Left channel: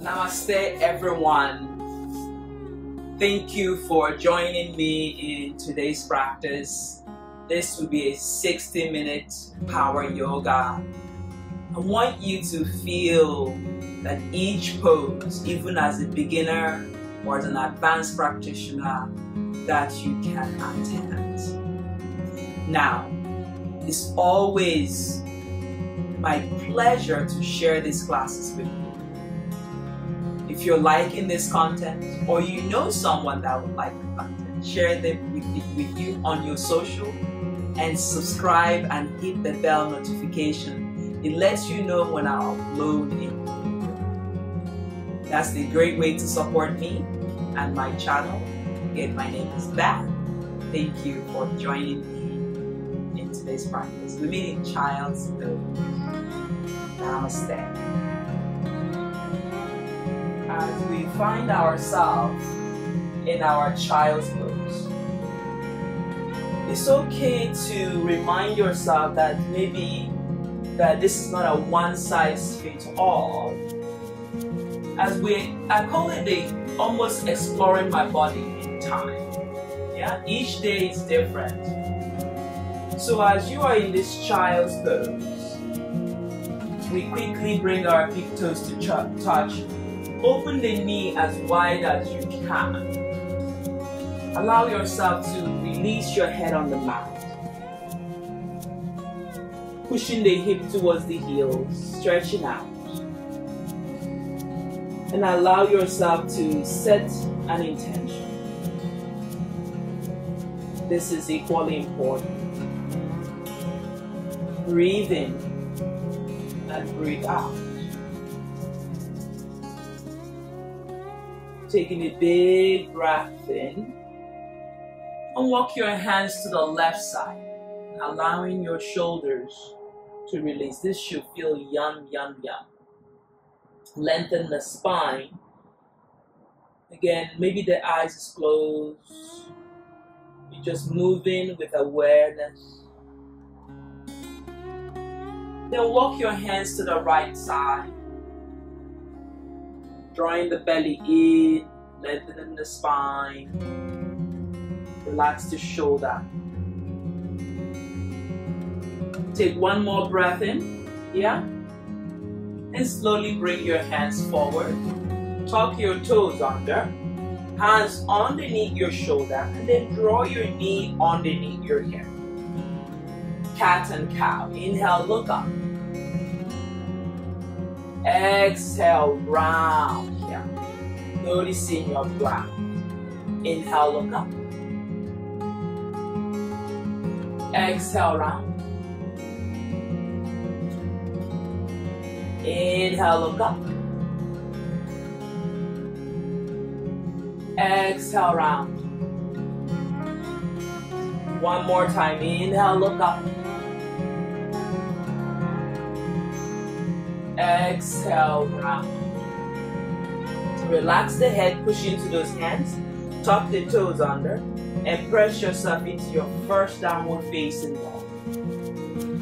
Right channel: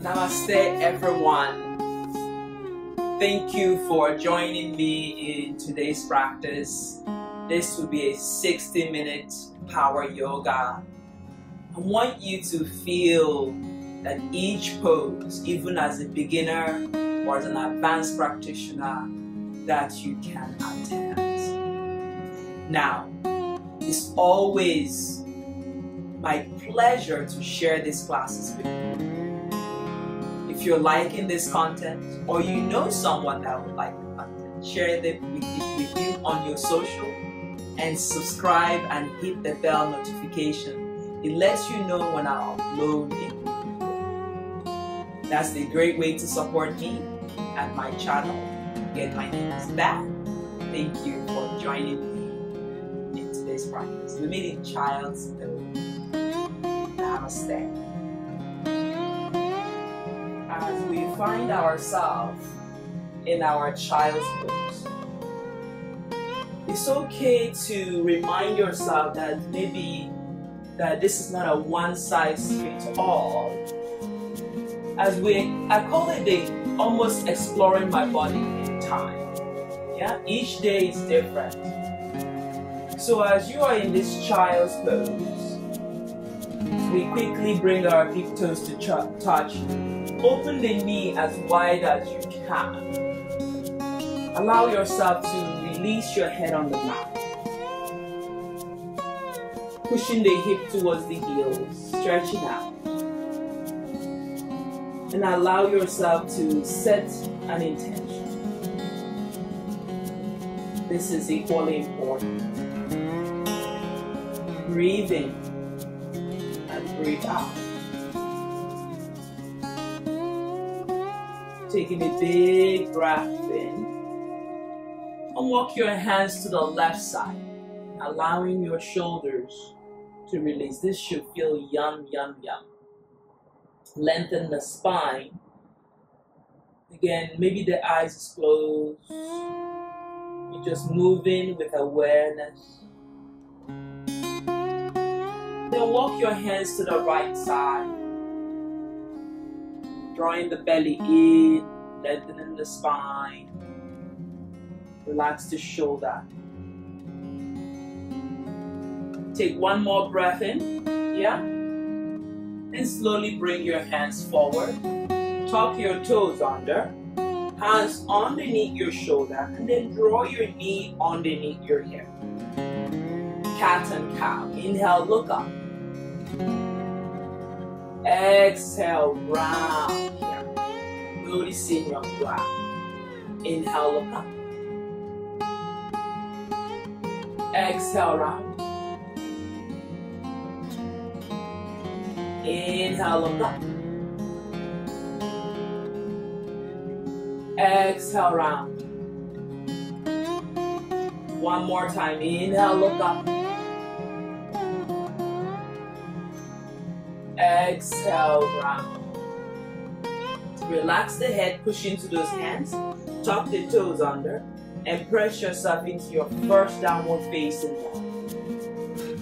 Namaste, everyone. Thank you for joining me in today's practice. This will be a 60-minute power yoga. I want you to feel that each pose, even as a beginner or as an advanced practitioner, that you can attempt. Now, it's always my pleasure to share these classes with you. If you're liking this content, or you know someone that would like the content, share them with you on your social, and subscribe and hit the bell notification. It lets you know when I upload a video. That's a great way to support me and my channel. Again, my name is Beth. Thank you for joining me in today's practice. We meet in child's pose. Namaste. As we find ourselves in our child's pose, it's okay to remind yourself that maybe that this is not a one-size-fits-all. I call it almost exploring my body in time. Yeah, each day is different. So as you are in this child's pose, we quickly bring our big toes to touch. Open the knee as wide as you can. Allow yourself to release your head on the mat. Pushing the hip towards the heels, stretching out. And allow yourself to set an intention. This is equally important. Breathe in and breathe out. Taking a big breath in, and walk your hands to the left side, allowing your shoulders to release. This should feel yum, yum, yum. Lengthen the spine. Again, maybe the eyes is closed. You're just moving with awareness. Then walk your hands to the right side, drawing the belly in, lengthening the spine, relax the shoulder. Take one more breath in, yeah? And slowly bring your hands forward. Tuck your toes under, hands underneath your shoulder, and then draw your knee underneath your hip. Cat and cow. Inhale, look up. Exhale, round here. Noticing your breath. Inhale, look up. Exhale, round. Inhale, look up. Exhale, round. One more time. Inhale, look up. Exhale, round. Relax the head, push into those hands, tuck the toes under, and press yourself into your first downward facing dog.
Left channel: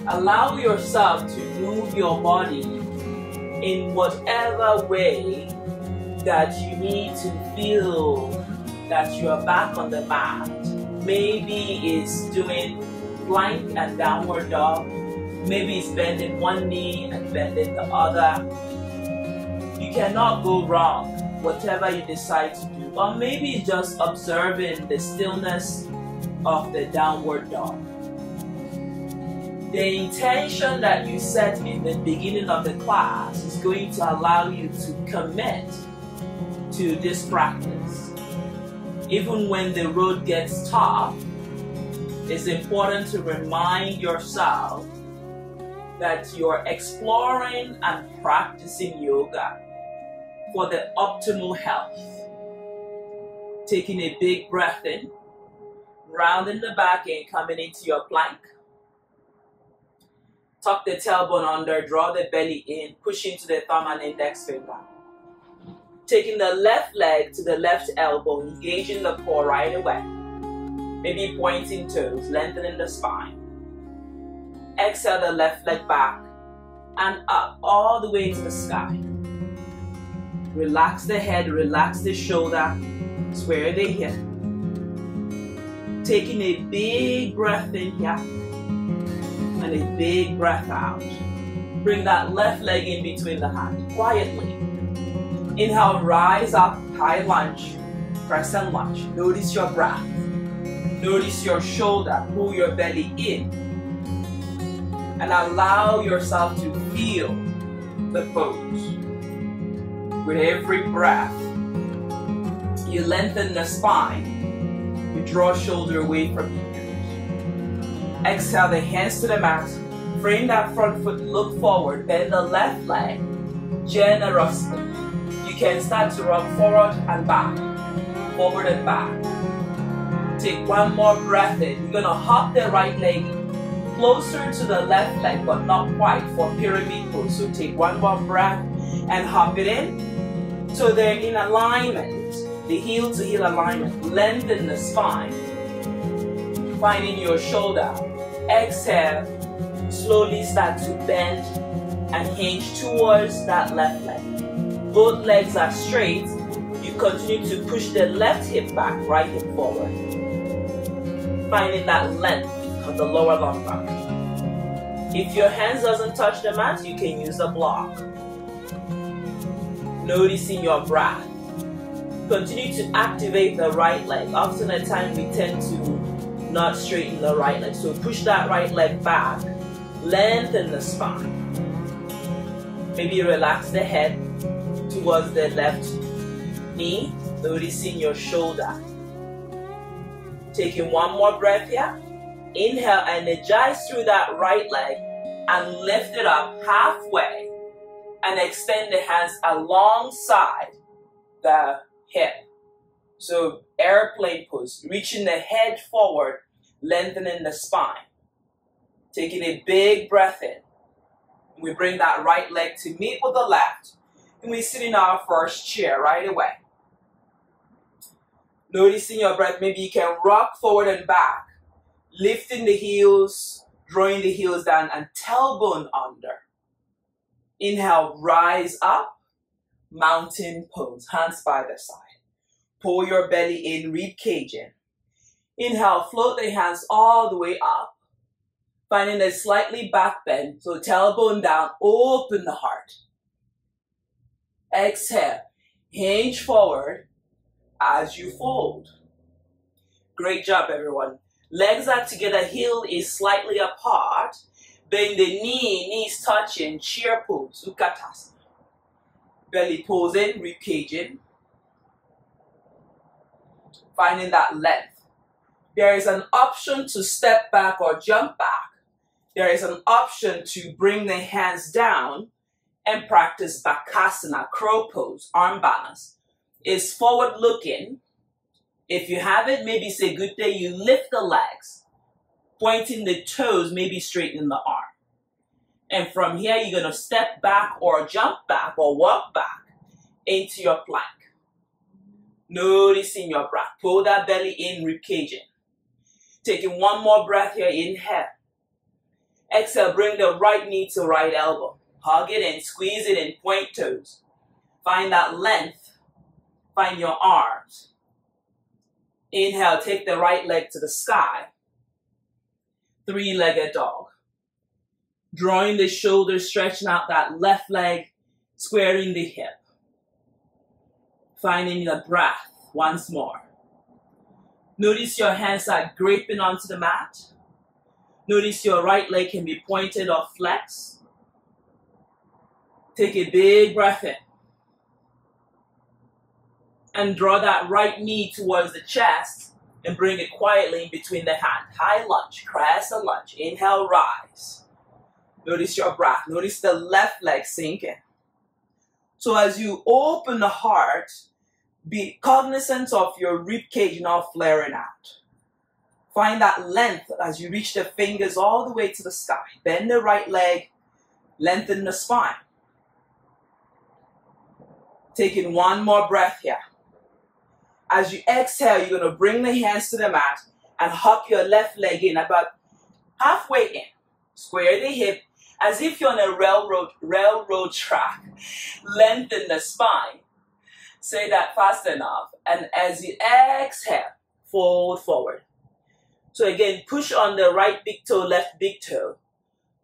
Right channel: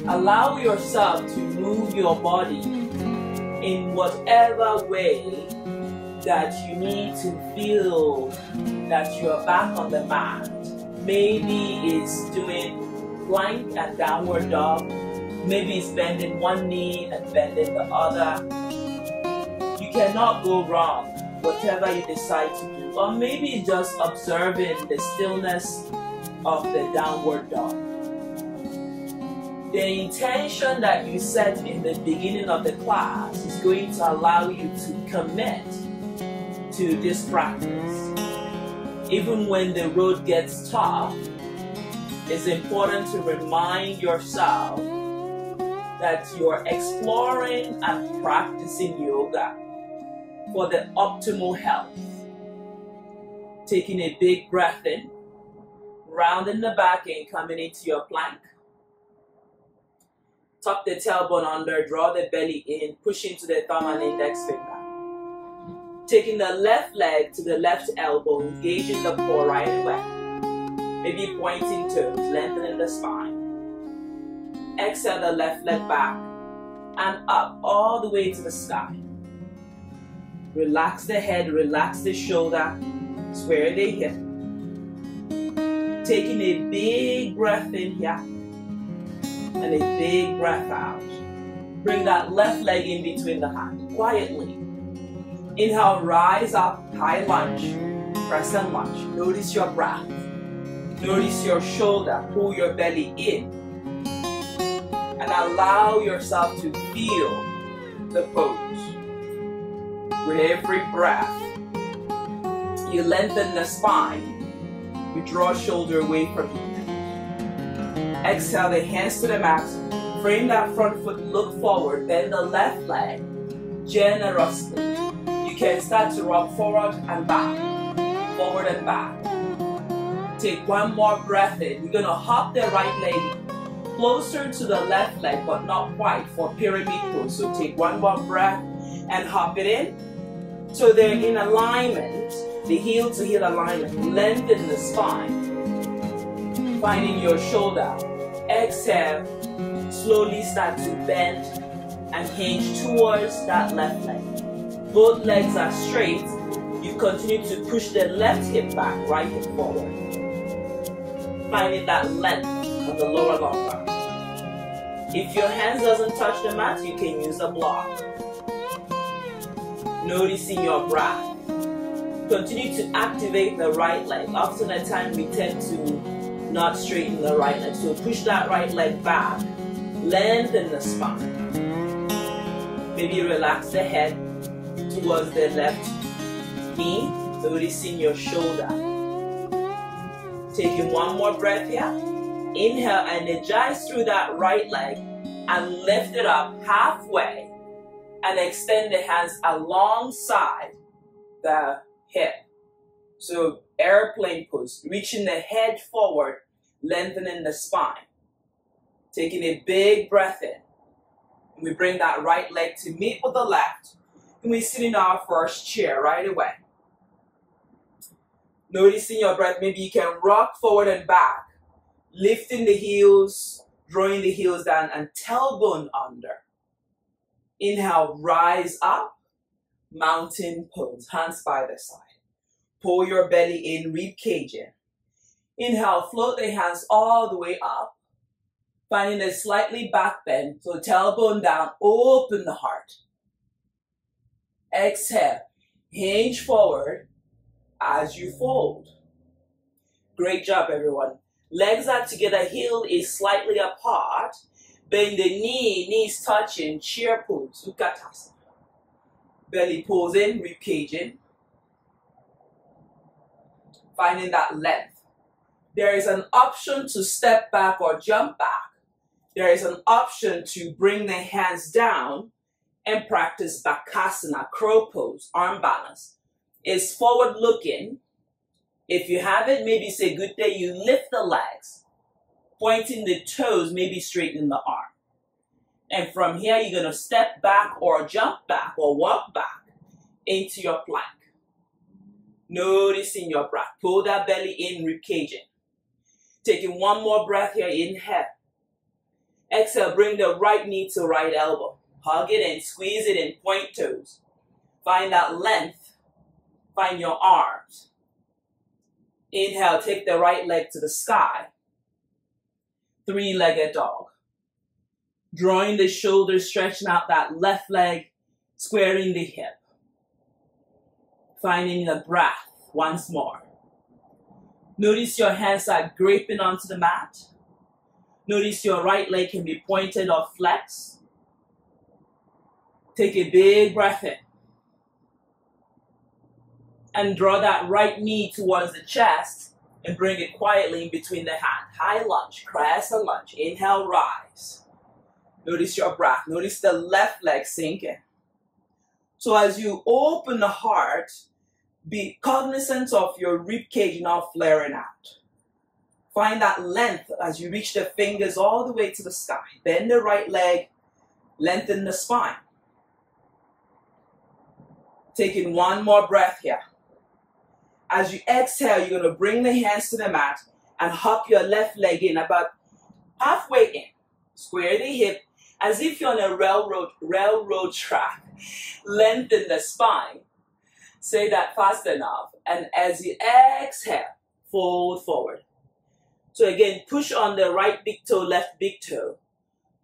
Allow yourself to move your body in whatever way that you need to feel that you are back on the mat. Maybe it's doing plank and downward dog. Maybe it's bending one knee and bending the other. You cannot go wrong, whatever you decide to do. Or maybe just observing the stillness of the downward dog. The intention that you set in the beginning of the class is going to allow you to commit to this practice. Even when the road gets tough, it's important to remind yourself that you're exploring and practicing yoga for the optimal health. Taking a big breath in, rounding the back and coming into your plank. Tuck the tailbone under, draw the belly in, push into the thumb and index finger. Taking the left leg to the left elbow, engaging the core right away. Maybe pointing toes, lengthening the spine. Exhale the left leg back and up all the way to the sky. Relax the head, relax the shoulder, square the hip. Taking a big breath in here and a big breath out. Bring that left leg in between the hands, quietly. Inhale, rise up, high lunge, crescent lunge. Notice your breath. Notice your shoulder, pull your belly in. And allow yourself to feel the pose. With every breath, you lengthen the spine. You draw shoulder away from you. Exhale the hands to the mat. Frame that front foot, look forward. Bend the left leg generously. You can start to rock forward and back. Forward and back. Take one more breath in. You're going to hop the right leg closer to the left leg, but not quite, for pyramid pose. So take one more breath and hop it in. So they're in alignment, the heel to heel alignment. Lengthen the spine. Finding your shoulder. Exhale. Slowly start to bend and hinge towards that left leg. Both legs are straight. You continue to push the left hip back, right hip forward. Finding that length of the lower lumbar. If your hands doesn't touch the mat, you can use a block. Noticing your breath. Continue to activate the right leg. Often at times we tend to not straighten the right leg. So push that right leg back. Lengthen the spine. Maybe relax the head towards the left knee. Noticing your shoulder. Taking one more breath here. Inhale, energize through that right leg and lift it up halfway. And extend the hands alongside the hip. So airplane pose, reaching the head forward, lengthening the spine. Taking a big breath in. We bring that right leg to meet with the left, and we sit in our first chair right away. Noticing your breath, maybe you can rock forward and back, lifting the heels, drawing the heels down, and tailbone under. Inhale, rise up, mountain pose, hands by the side. Pull your belly in, rib cage in. Inhale, float the hands all the way up, finding a slightly back bend, so tailbone down, open the heart. Exhale, hinge forward as you fold. Great job, everyone. Legs are together, heel is slightly apart. Bend the knee, knees touching, chair pose, Utkatasana. Belly pose in, rib cage in. Finding that length. There is an option to step back or jump back. There is an option to bring the hands down and practice Bakasana, crow pose, arm balance. It's forward looking. If you have it, maybe say good day, you lift the legs. Pointing the toes, maybe straightening the arm. And from here, you're going to step back or jump back or walk back into your plank. Noticing your breath. Pull that belly in, rib cage in. Taking one more breath here, inhale. Exhale, bring the right knee to right elbow. Hug it in, squeeze it in, point toes. Find that length. Find your arms. Inhale, take the right leg to the sky. Three-legged dog. Drawing the shoulders, stretching out that left leg, squaring the hip. Finding the breath once more. Notice your hands are gripping onto the mat. Notice your right leg can be pointed or flexed. Take a big breath in. And draw that right knee towards the chest and bring it quietly in between the hands. High lunge, crescent lunge. Inhale, rise. Notice your breath. Notice the left leg sinking. So as you open the heart, be cognizant of your rib cage not flaring out. Find that length as you reach the fingers all the way to the sky. Bend the right leg, lengthen the spine. Taking one more breath here. As you exhale, you're going to bring the hands to the mat and hop your left leg in about halfway in. Square the hip as if you're on a railroad track. Lengthen the spine. Say that fast enough. And as you exhale, fold forward. So again, push on the right big toe, left big toe.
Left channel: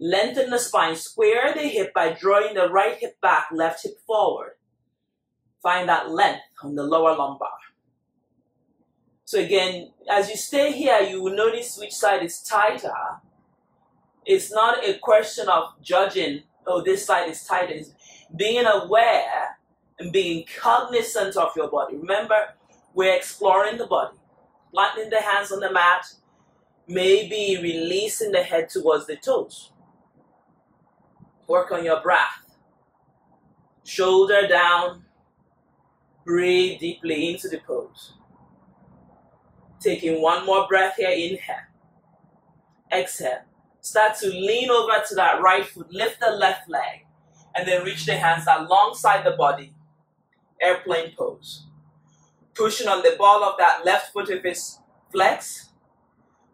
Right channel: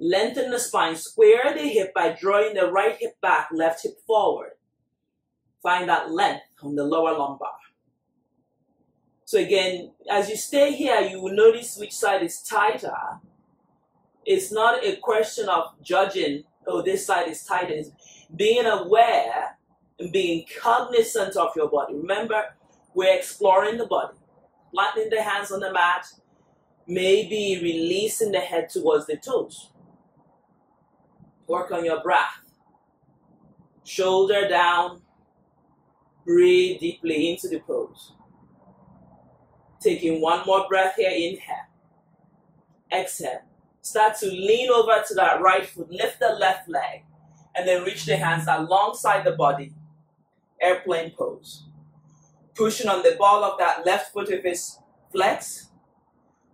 Lengthen the spine, square the hip by drawing the right hip back, left hip forward. Find that length on the lower lumbar. So again, as you stay here, you will notice which side is tighter. It's not a question of judging, oh, this side is tighter. It's being aware and being cognizant of your body. Remember, we're exploring the body. Planting the hands on the mat, maybe releasing the head towards the toes. Work on your breath. Shoulder down. Breathe deeply into the pose. Taking one more breath here, inhale. Exhale. Start to lean over to that right foot. Lift the left leg. And then reach the hands alongside the body. Airplane pose. Pushing on the ball of that left foot if it's flex.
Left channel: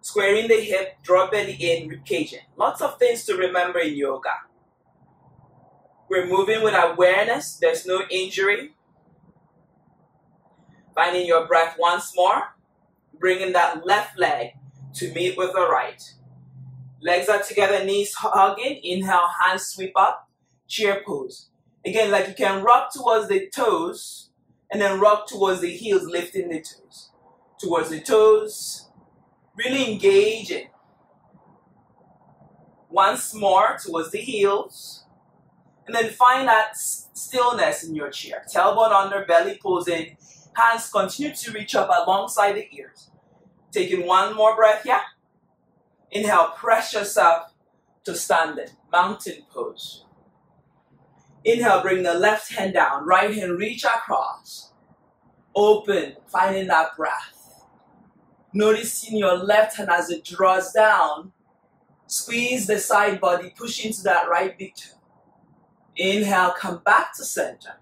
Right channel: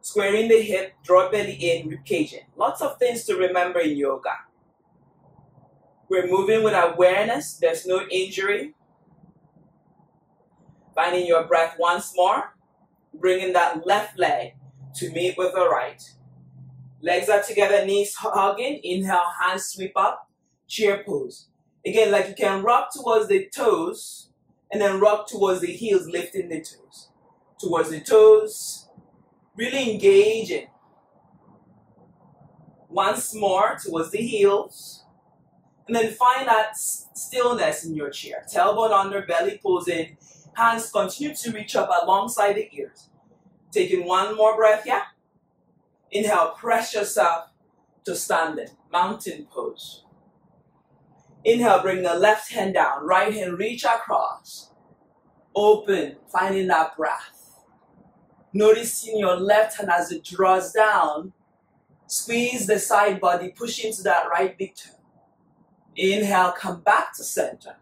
Squaring the hip, draw belly in, rib cage in. Lots of things to remember in yoga. We're moving with awareness. There's no injury. Finding your breath once more. Bringing that left leg to meet with the right. Legs are together, knees hugging. Inhale, hands sweep up. Chair pose. Again, like you can rock towards the toes and then rock towards the heels, lifting the toes. Towards the toes. Really engaging. Once more towards the heels. And then find that stillness in your chair. Tailbone under, belly posing. Hands continue to reach up alongside the ears. Taking one more breath here. Inhale, press yourself to standing. Mountain pose. Inhale, bring the left hand down. Right hand reach across. Open, finding that breath. Noticing your left hand as it draws down. Squeeze the side body, push into that right big toe. Inhale, come back to center.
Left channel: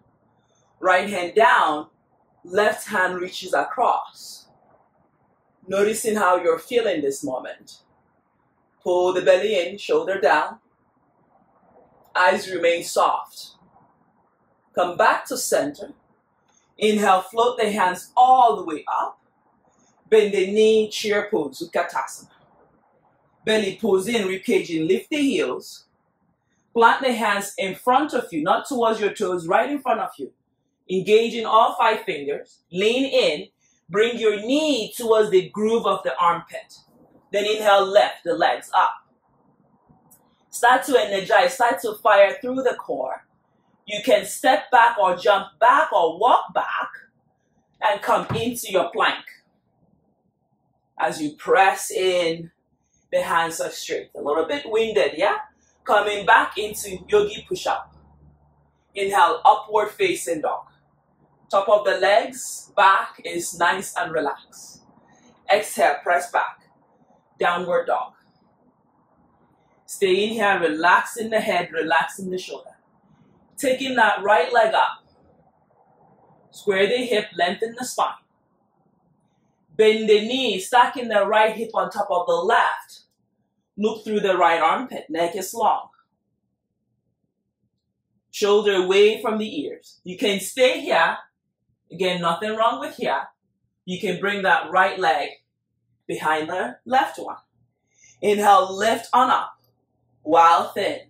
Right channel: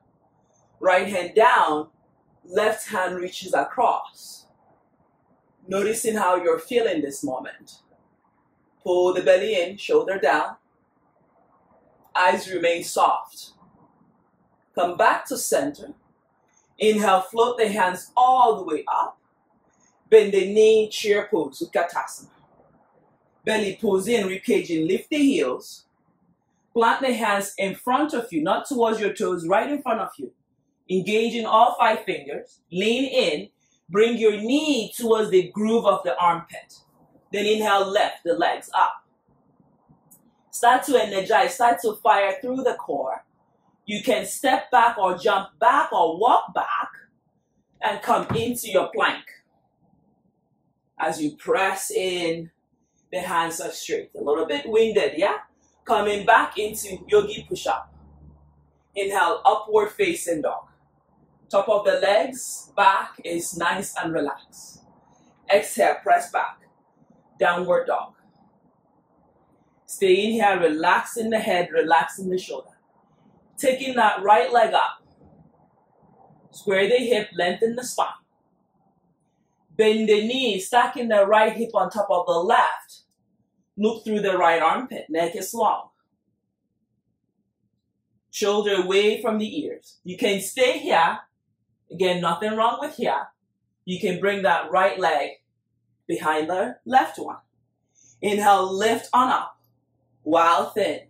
Right hand down, left hand reaches across. Noticing how you're feeling this moment. Pull the belly in, shoulder down. Eyes remain soft. Come back to center. Inhale, float the hands all the way up. Bend the knee, chair pose, skadasana. Belly pulls in, rib cage in, lift the heels. Plant the hands in front of you, not towards your toes, right in front of you. Engaging all 5 fingers. Lean in. Bring your knee towards the groove of the armpit. Then inhale, lift the legs up. Start to energize. Start to fire through the core. You can step back or jump back or walk back and come into your plank. As you press in, the hands are straight. A little bit winded, yeah? Coming back into yogi push-up. Inhale, upward facing dog. Top of the legs, back is nice and relaxed. Exhale, press back. Downward dog. Stay in here, relaxing the head, relaxing the shoulder. Taking that right leg up. Square the hip, lengthen the spine. Bend the knee, stacking the right hip on top of the left. Look through the right armpit, neck is long. Shoulder away from the ears. You can stay here. Again, nothing wrong with here. You can bring that right leg behind the left one. Inhale, lift on up. While thin.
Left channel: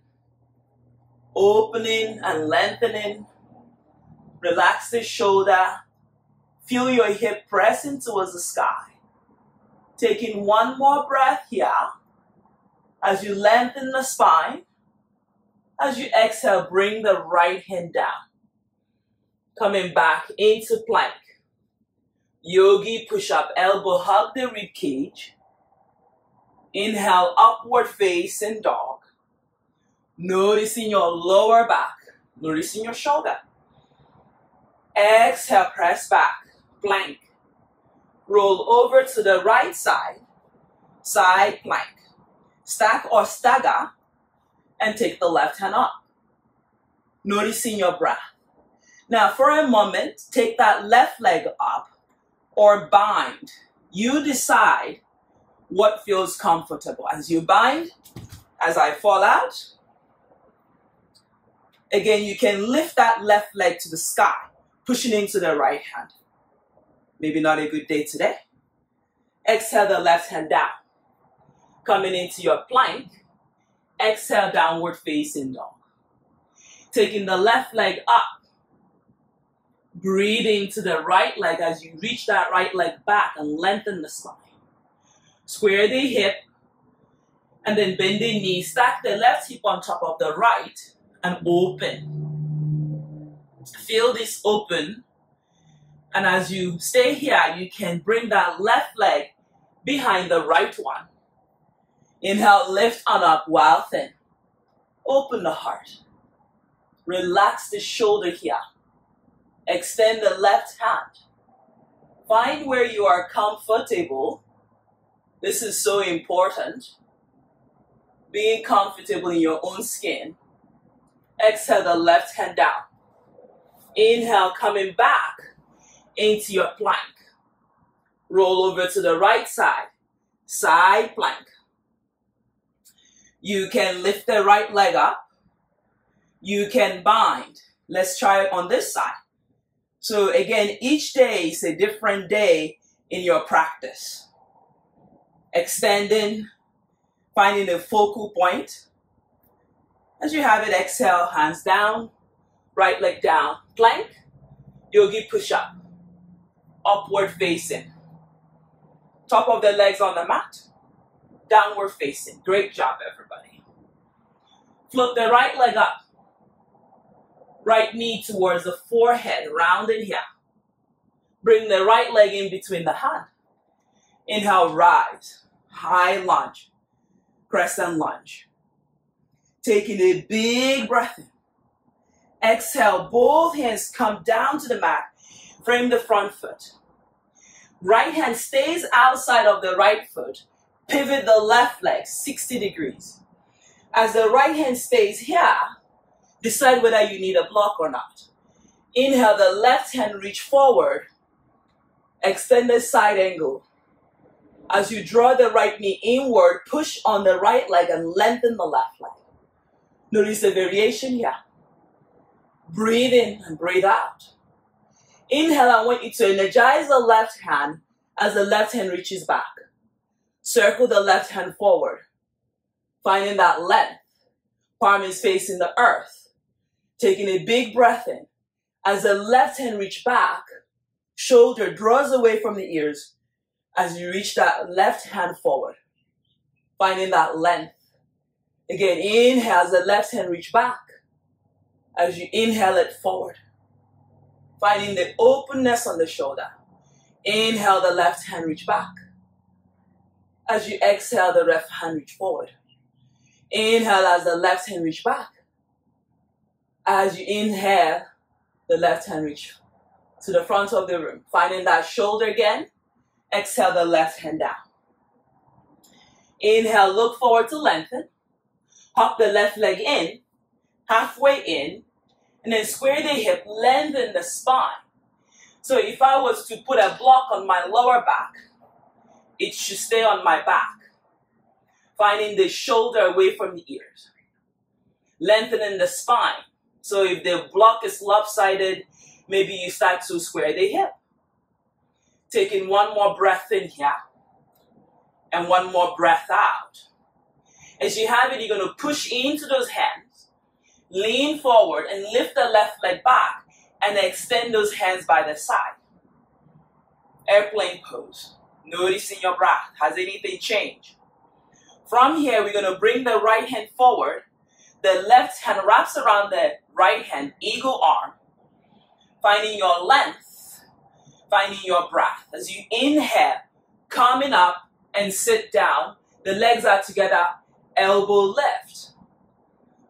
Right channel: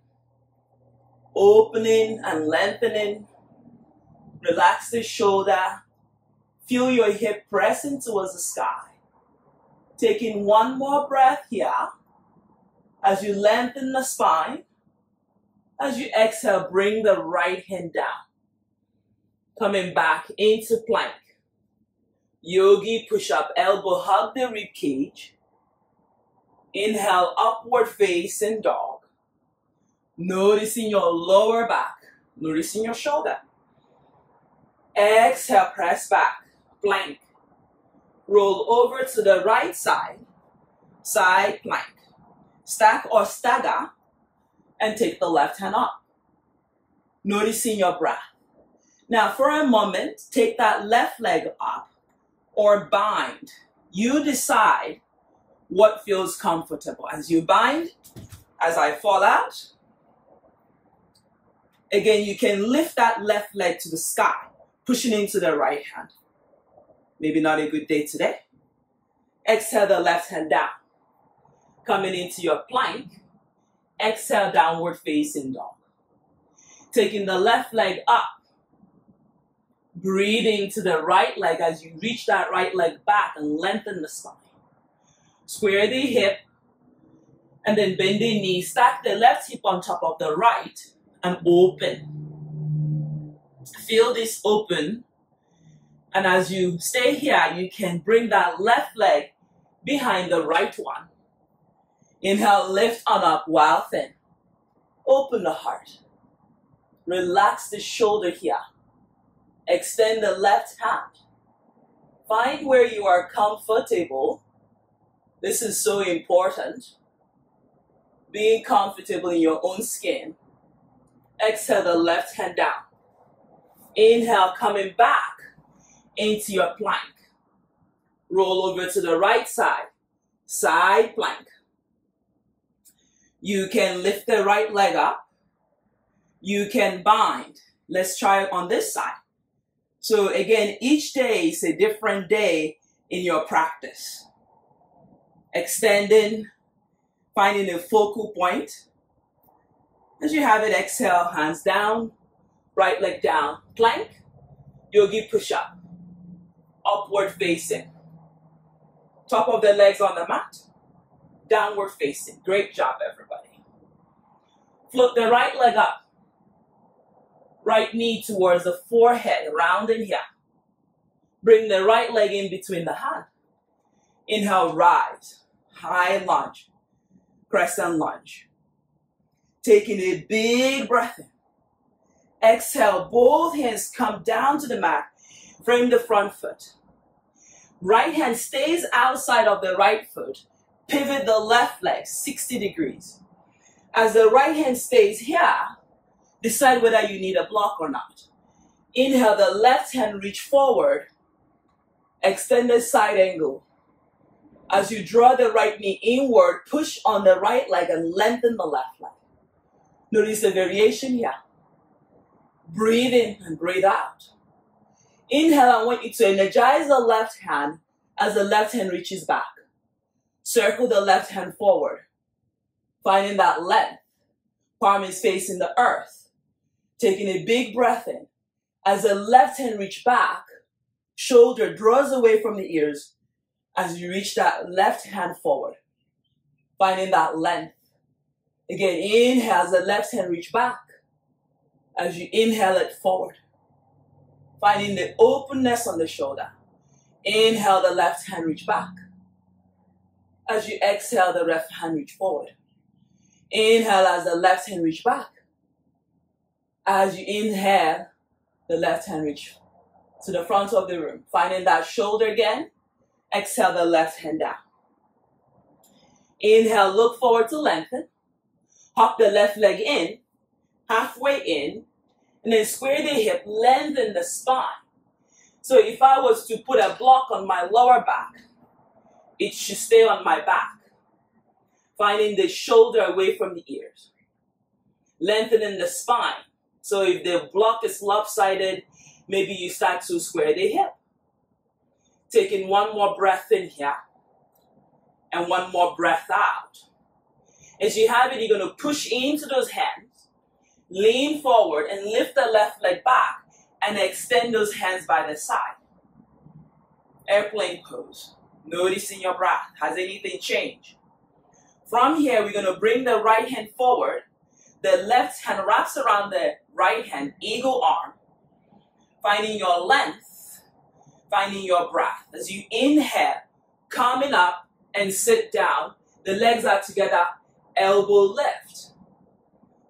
Opening and lengthening. Relax the shoulder. Feel your hip pressing towards the sky. Taking one more breath here. As you lengthen the spine. As you exhale, bring the right hand down. Coming back into plank. Yogi push-up, elbow hug the rib cage. Inhale, upward facing dog. Noticing your lower back. Noticing your shoulder. Exhale, press back. Plank. Roll over to the right side. Side plank. Stack or stagger. And take the left hand up. Noticing your breath. Now for a moment, take that left leg up or bind. You decide what feels comfortable. As you bind, as I fall out, again, you can lift that left leg to the sky. pushing into the right hand. Maybe not a good day today. Exhale the left hand down. Coming into your plank. Exhale, downward facing dog. Taking the left leg up. Breathing to the right leg as you reach that right leg back and lengthen the spine. Square the hip. And then bend the knee. Stack the left hip on top of the right and open. Feel this open. And as you stay here, you can bring that left leg behind the right one. Inhale, lift on up while thin. Open the heart. Relax the shoulder here. Extend the left hand. Find where you are comfortable. This is so important. Being comfortable in your own skin. Exhale the left hand down. Inhale, coming back into your plank. Roll over to the right side. Side plank. You can lift the right leg up. You can bind. Let's try it on this side. So again, each day is a different day in your practice. Extending, finding a focal point. As you have it, exhale, hands down, right leg down, plank, yogi push-up, upward facing. Top of the legs on the mat, downward facing. Great job, everybody. Float the right leg up. Right knee towards the forehead, round in here. Bring the right leg in between the hand. Inhale, rise, high lunge, crescent lunge. Taking a big breath in. Exhale, both hands come down to the mat. Frame the front foot. Right hand stays outside of the right foot. Pivot the left leg 60 degrees. As the right hand stays here, decide whether you need a block or not. Inhale, the left hand reach forward. Extended side angle. As you draw the right knee inward, push on the right leg and lengthen the left leg. Notice the variation here. Breathe in and breathe out. Inhale, I want you to energize the left hand as the left hand reaches back. Circle the left hand forward. Finding that length. Palm is facing the earth. Taking a big breath in. As the left hand reaches back, shoulder draws away from the ears as you reach that left hand forward. Finding that length. Again, inhale as the left hand reaches back. As you inhale it forward. Finding the openness on the shoulder. Inhale, the left hand reach back. As you exhale, the left hand reach forward. Inhale as the left hand reach back. As you inhale, the left hand reach to the front of the room. Finding that shoulder again. Exhale the left hand down. Inhale, look forward to lengthen. Hop the left leg in, halfway in, and then square the hip, lengthen the spine. So if I was to put a block on my lower back, it should stay on my back. Finding the shoulder away from the ears. Lengthening the spine. So if the block is lopsided, maybe you start to square the hip. Taking one more breath in here. And one more breath out. As you have it, you're going to push into those hands. Lean forward and lift the left leg back. And extend those hands by the side. Airplane pose. Noticing your breath. Has anything changed? From here, we're going to bring the right hand forward. The left hand wraps around the right hand, eagle arm. Finding your length. Finding your breath. As you inhale, coming up and sit down. The legs are together, elbow lift.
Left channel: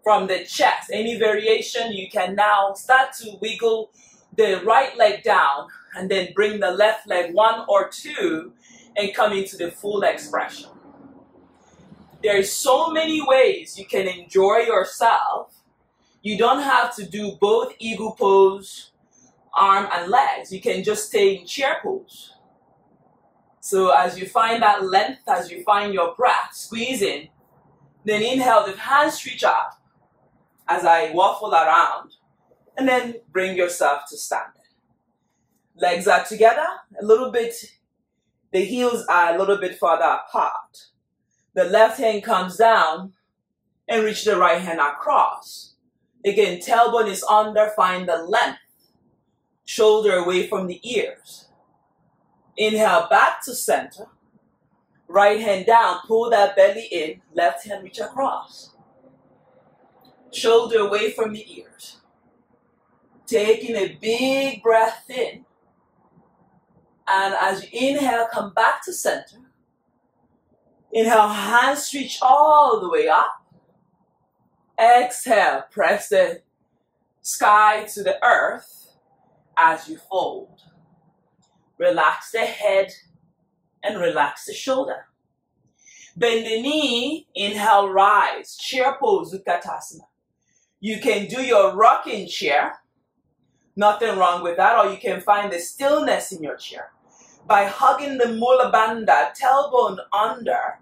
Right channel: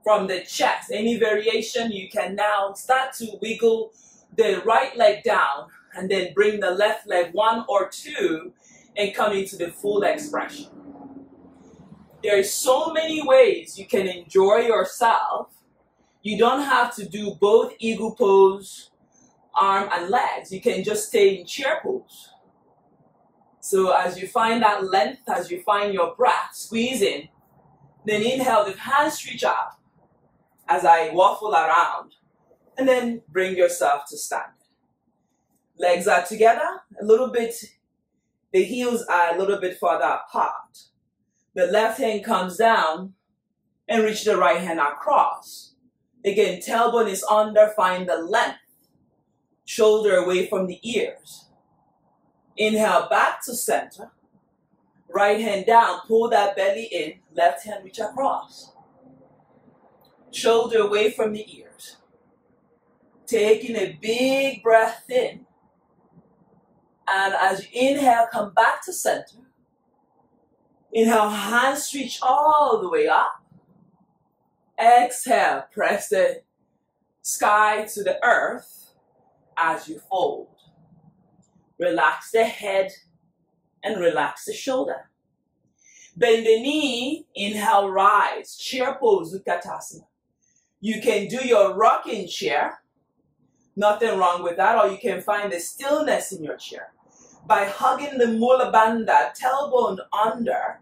From the chest, any variation, you can now start to wiggle the right leg down and then bring the left leg one or two and come into the full expression. There's so many ways you can enjoy yourself. You don't have to do both eagle pose, arm and legs. You can just stay in chair pose. So as you find that length, as you find your breath, squeeze in, then inhale with hands reach out as I waffle around, and then bring yourself to standing. Legs are together, a little bit, the heels are a little bit further apart. The left hand comes down and reach the right hand across. Again, tailbone is under, find the length. Shoulder away from the ears. Inhale back to center. Right hand down, pull that belly in, left hand reach across. Shoulder away from the ears. Taking a big breath in. And as you inhale, come back to center. Inhale, hands reach all the way up. Exhale, press the sky to the earth as you fold. Relax the head and relax the shoulder. Bend the knee, inhale, rise. Chair pose, skadasana. You can do your rocking chair. Nothing wrong with that. Or you can find the stillness in your chair by hugging the mula bandha, tailbone under,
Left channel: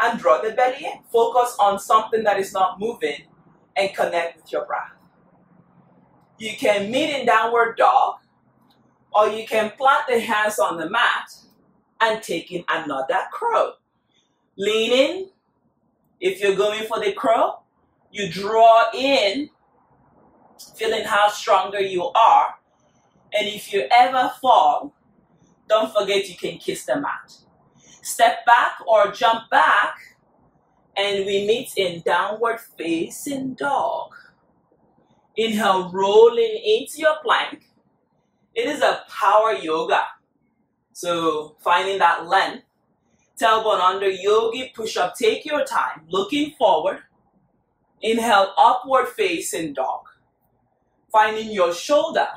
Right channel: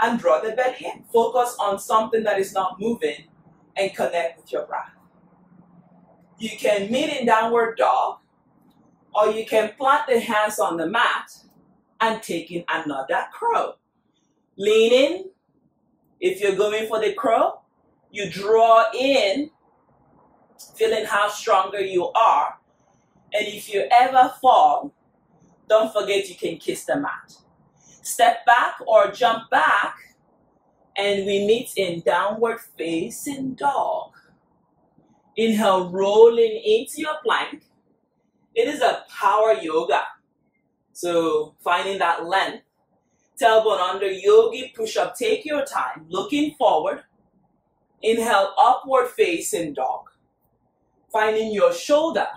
and draw the belly in. Focus on something that is not moving and connect with your breath. You can meet in downward dog, or you can plant the hands on the mat and take in another crow. Lean in. If you're going for the crow, you draw in, feeling how stronger you are. And if you ever fall, don't forget you can kiss the mat. Step back or jump back, and we meet in downward facing dog. Inhale, rolling into your plank. It is a power yoga. So finding that length. Tailbone under, yogi push-up. Take your time, looking forward. Inhale, upward facing dog. Finding your shoulder.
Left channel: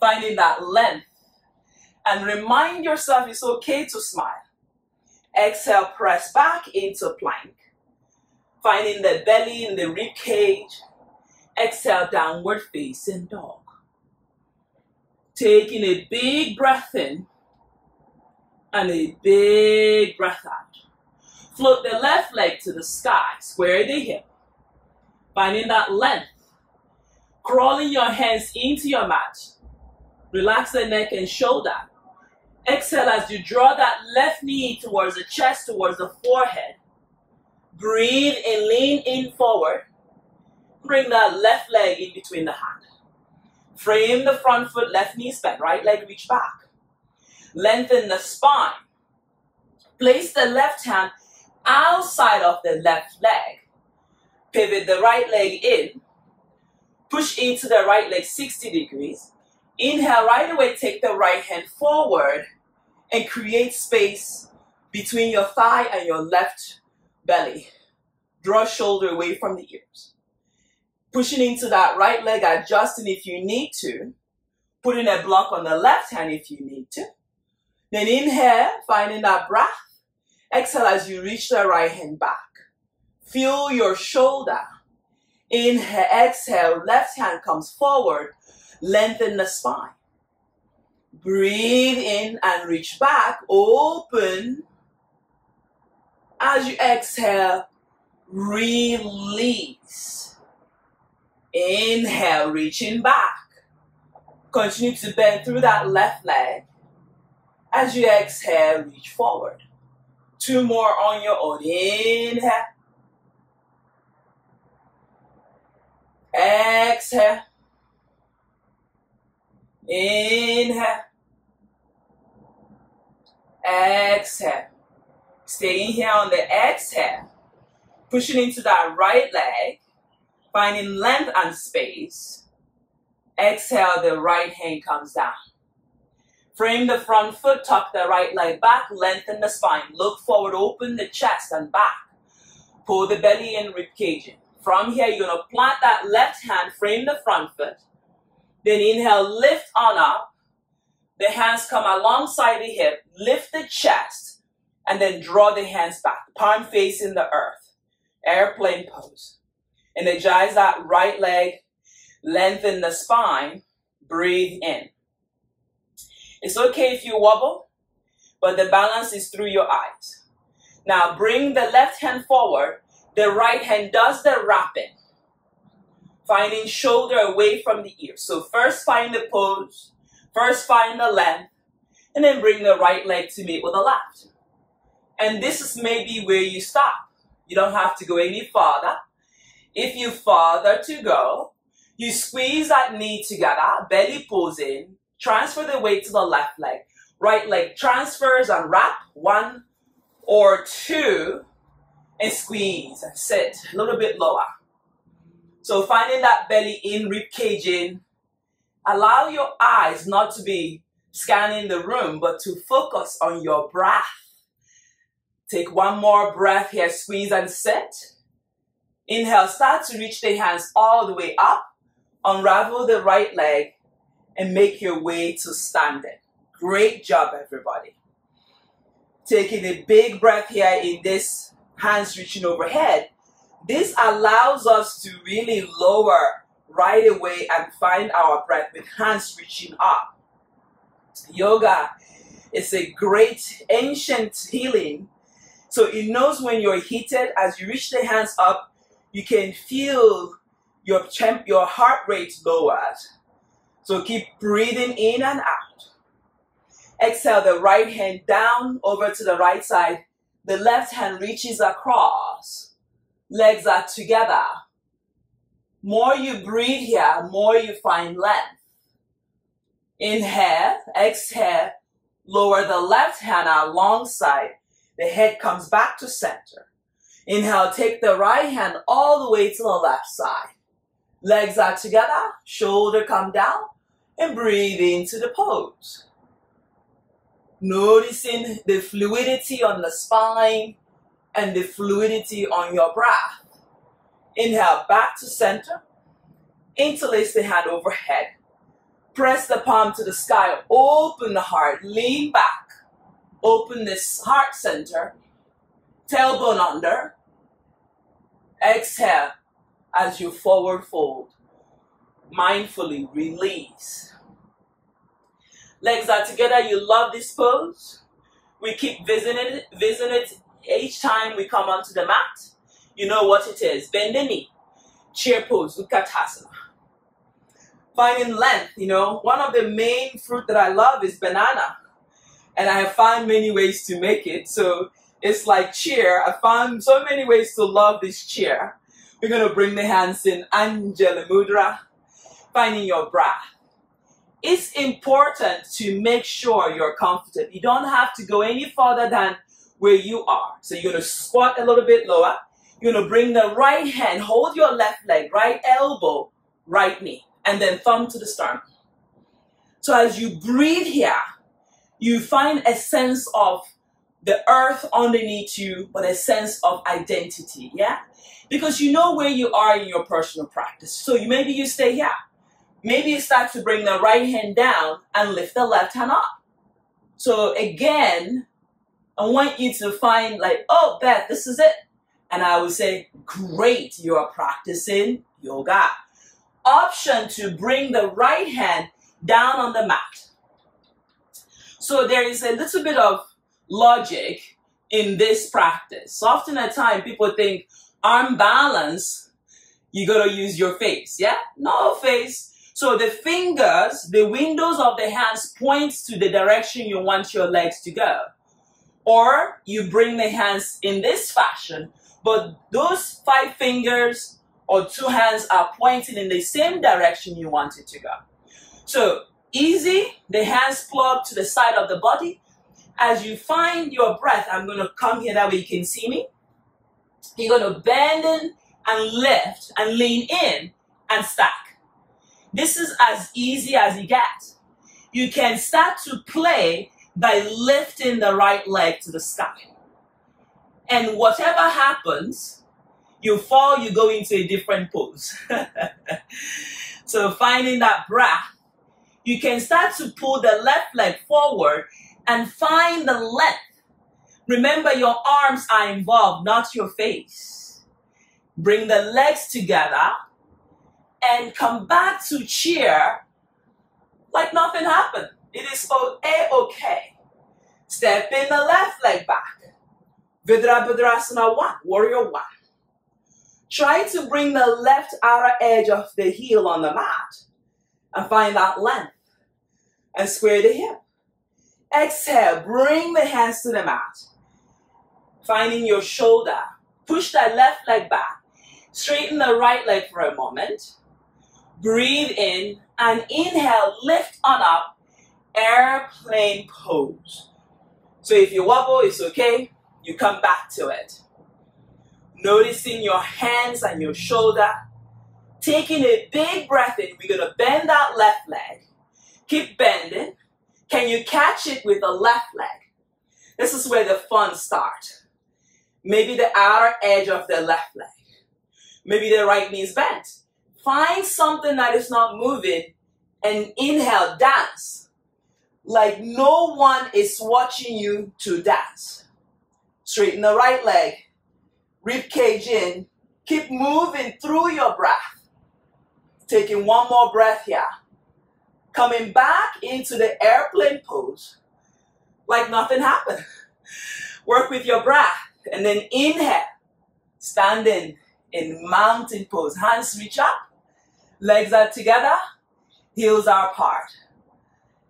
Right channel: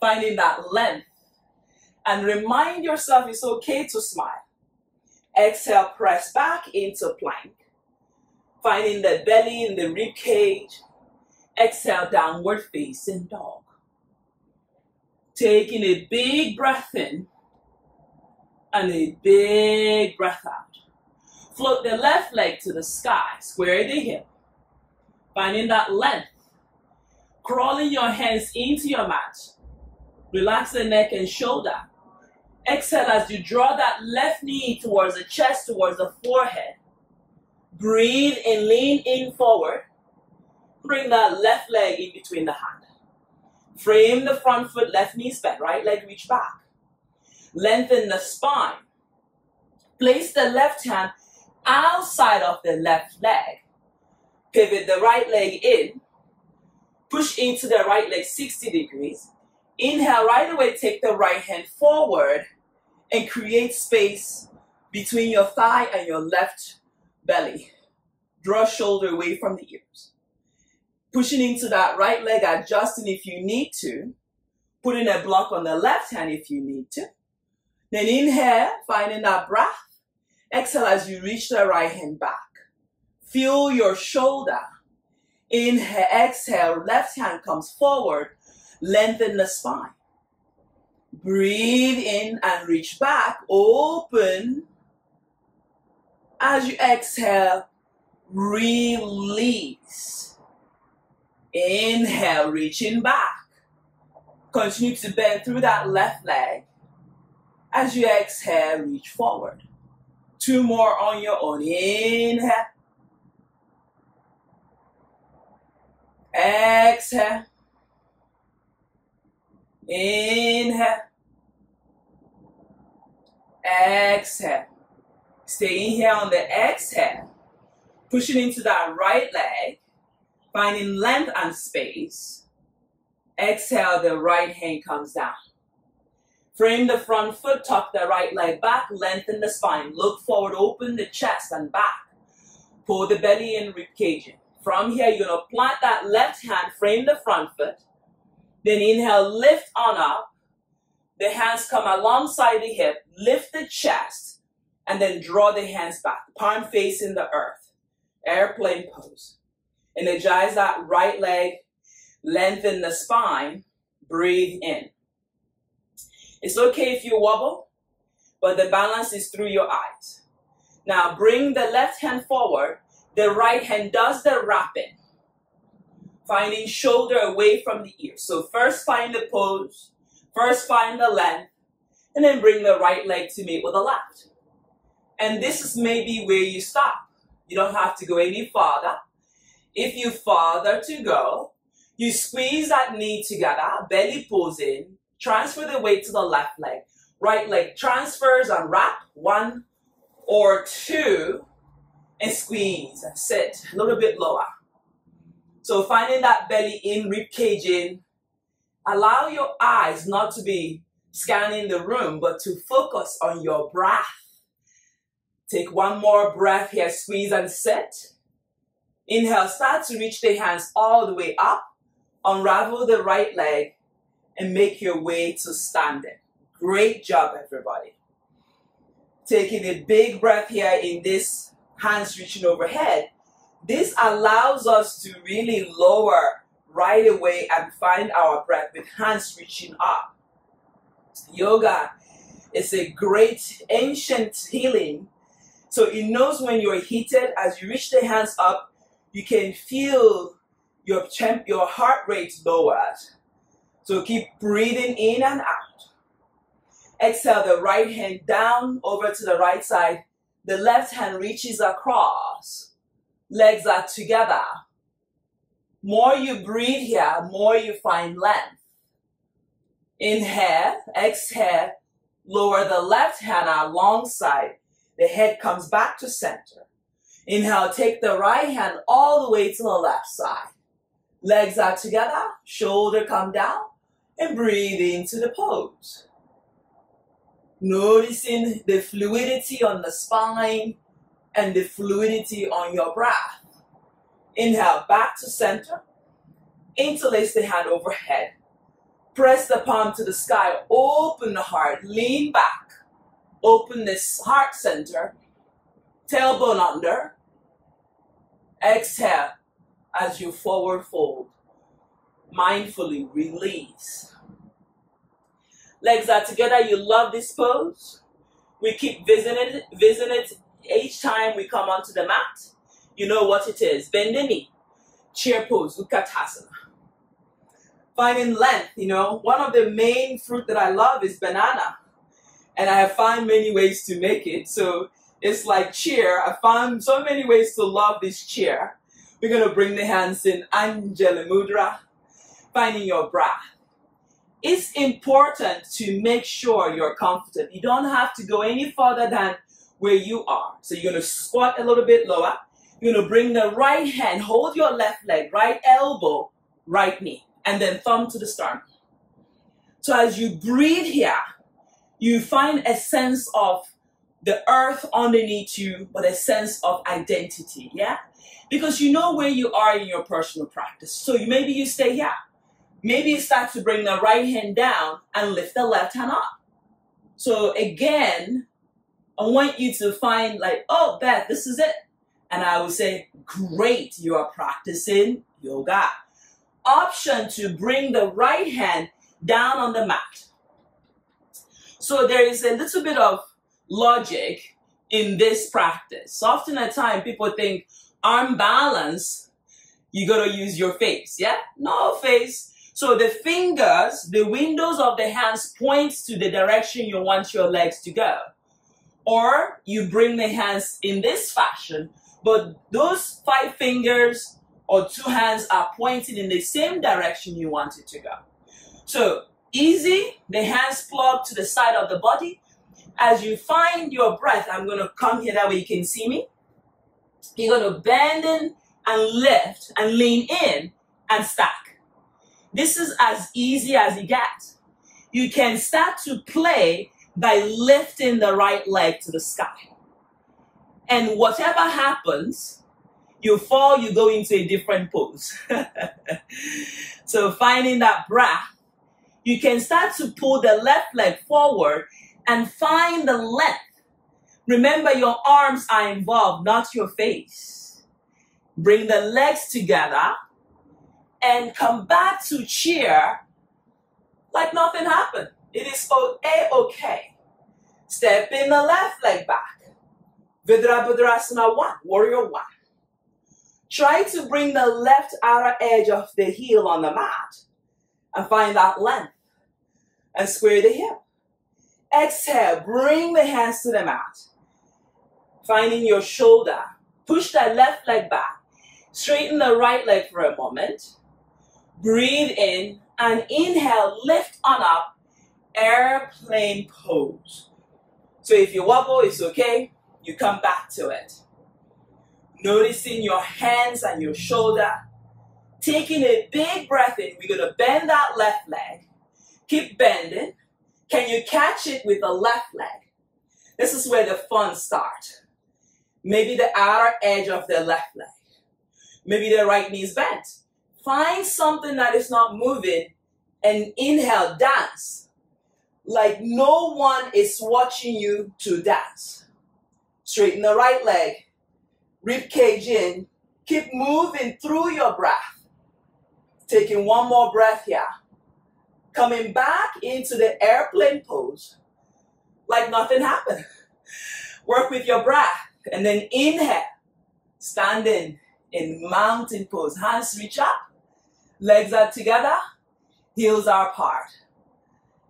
Finding that length. And remind yourself it's okay to smile. Exhale, press back into plank. Finding the belly in the rib cage. Exhale, downward facing dog. Taking a big breath in and a big breath out. Float the left leg to the sky. Square the hip. Finding that length. Crawling your hands into your mat. Relax the neck and shoulder. Exhale as you draw that left knee towards the chest, towards the forehead. Breathe and lean in forward. Bring that left leg in between the hand. Frame the front foot, left knee bent, right leg reach back. Lengthen the spine. Place the left hand outside of the left leg. Pivot the right leg in. Push into the right leg 60 degrees. Inhale, right away, take the right hand forward and create space between your thigh and your left belly. Draw shoulder away from the ears. Pushing into that right leg, adjusting if you need to. Putting a block on the left hand if you need to. Then inhale, finding that breath. Exhale as you reach the right hand back. Feel your shoulder. Inhale, exhale, left hand comes forward. Lengthen the spine. Breathe in and reach back. Open. As you exhale, release. Inhale, reaching back. Continue to bend through that left leg. As you exhale, reach forward. 2 more on your own. Inhale. Exhale. Inhale. Exhale. Staying here on the exhale. Pushing into that right leg. Finding length and space. Exhale, the right hand comes down. Frame the front foot, tuck the right leg back, lengthen the spine. Look forward, open the chest and back. Pull the belly in, rib cage in. From here, you're going to plant that left hand, frame the front foot. Then inhale, lift on up. The hands come alongside the hip, lift the chest, and then draw the hands back. Palm facing the earth. Airplane pose. Energize that right leg, lengthen the spine, breathe in. It's okay if you wobble, but the balance is through your eyes. Now bring the left hand forward, the right hand does the wrapping. Finding shoulder away from the ear. So first find the pose, First find the length, and then bring the right leg to meet with the left. And this is maybe where you stop. You don't have to go any farther. If you farther to go, you squeeze that knee together, belly pulls in, transfer the weight to the left leg. Right leg transfers and wrap, 1 or 2, and squeeze and sit a little bit lower. So finding that belly in, rib cage in. Allow your eyes not to be scanning the room, but to focus on your breath. Take one more breath here, squeeze and sit. Inhale, start to reach the hands all the way up. Unravel the right leg and make your way to standing. Great job, everybody. Taking a big breath here in this, hands reaching overhead. This allows us to really lower right away and find our breath with hands reaching up. Yoga is a great ancient healing. So it knows when you're heated. As you reach the hands up, you can feel your heart rate lowered. So keep breathing in and out. Exhale the right hand down over to the right side. The left hand reaches across. Legs are together. More you breathe here, more you find length. Inhale, exhale, lower the left hand alongside. The head comes back to center. Inhale, take the right hand all the way to the left side. Legs are together, shoulder come down, and breathe into the pose. Noticing the fluidity on the spine and the fluidity on your breath. Inhale, back to center. Interlace the hand overhead. Press the palm to the sky. Open the heart. Lean back. Open this heart center. Tailbone under. Exhale as you forward fold. Mindfully release. Legs are together. You love this pose. We keep visiting it each time we come onto the mat. You know what it is. Bend the knee. Chair pose, Utkatasana. Finding length, one of the main fruit that I love is banana. And I have found many ways to make it. So it's like chair. I found so many ways to love this chair. We're going to bring the hands in Anjali Mudra. Finding your breath. It's important to make sure you're comfortable. You don't have to go any further than where you are. So you're going to squat a little bit lower. You're going to bring the right hand, hold your left leg, right elbow, right knee, and then thumb to the sternum. So as you breathe here, you find a sense of the earth underneath you, but a sense of identity, yeah? Because you know where you are in your personal practice. So maybe you stay here. Maybe you start to bring the right hand down and lift the left hand up. So again, I want you to find like, oh, Beth, this is it. And I would say, great, you are practicing yoga. Option to bring the right hand down on the mat. So there is a little bit of logic in this practice. So often at times people think arm balance, you got to use your face. Yeah? No face. So the fingers, the windows of the hands points to the direction you want your legs to go. Or you bring the hands in this fashion, but those 5 fingers or 2 hands are pointing in the same direction you want it to go. So easy, the hands plug to the side of the body. As you find your breath, I'm going to come here that way you can see me. You're going to bend in and lift and lean in and stack. This is as easy as it gets. You can start to play by lifting the right leg to the sky. And whatever happens, you fall, you go into a different pose. So finding that breath, you can start to pull the left leg forward and find the length. Remember, your arms are involved, not your face. Bring the legs together and come back to chair like nothing happened. It is A-okay. Step in the left leg back. Virabhadrasana 1, warrior 1. Try to bring the left outer edge of the heel on the mat and find that length. and square the hip. Exhale, bring the hands to the mat. Finding your shoulder. Push that left leg back. Straighten the right leg for a moment. Breathe in and inhale, lift on up, airplane pose. So if you wobble, it's okay. You come back to it. Noticing your hands and your shoulder. Taking a big breath in. We're going to bend that left leg. Keep bending. Can you catch it with the left leg? This is where the fun starts. Maybe the outer edge of the left leg. Maybe the right knee is bent. Find something that is not moving and inhale, dance. Like no one is watching you to dance. Straighten the right leg. Rib cage in. Keep moving through your breath. Taking one more breath here. Coming back into the airplane pose. Like nothing happened. Work with your breath. And then inhale. Standing in mountain pose. Hands reach up. Legs are together. Heels are apart.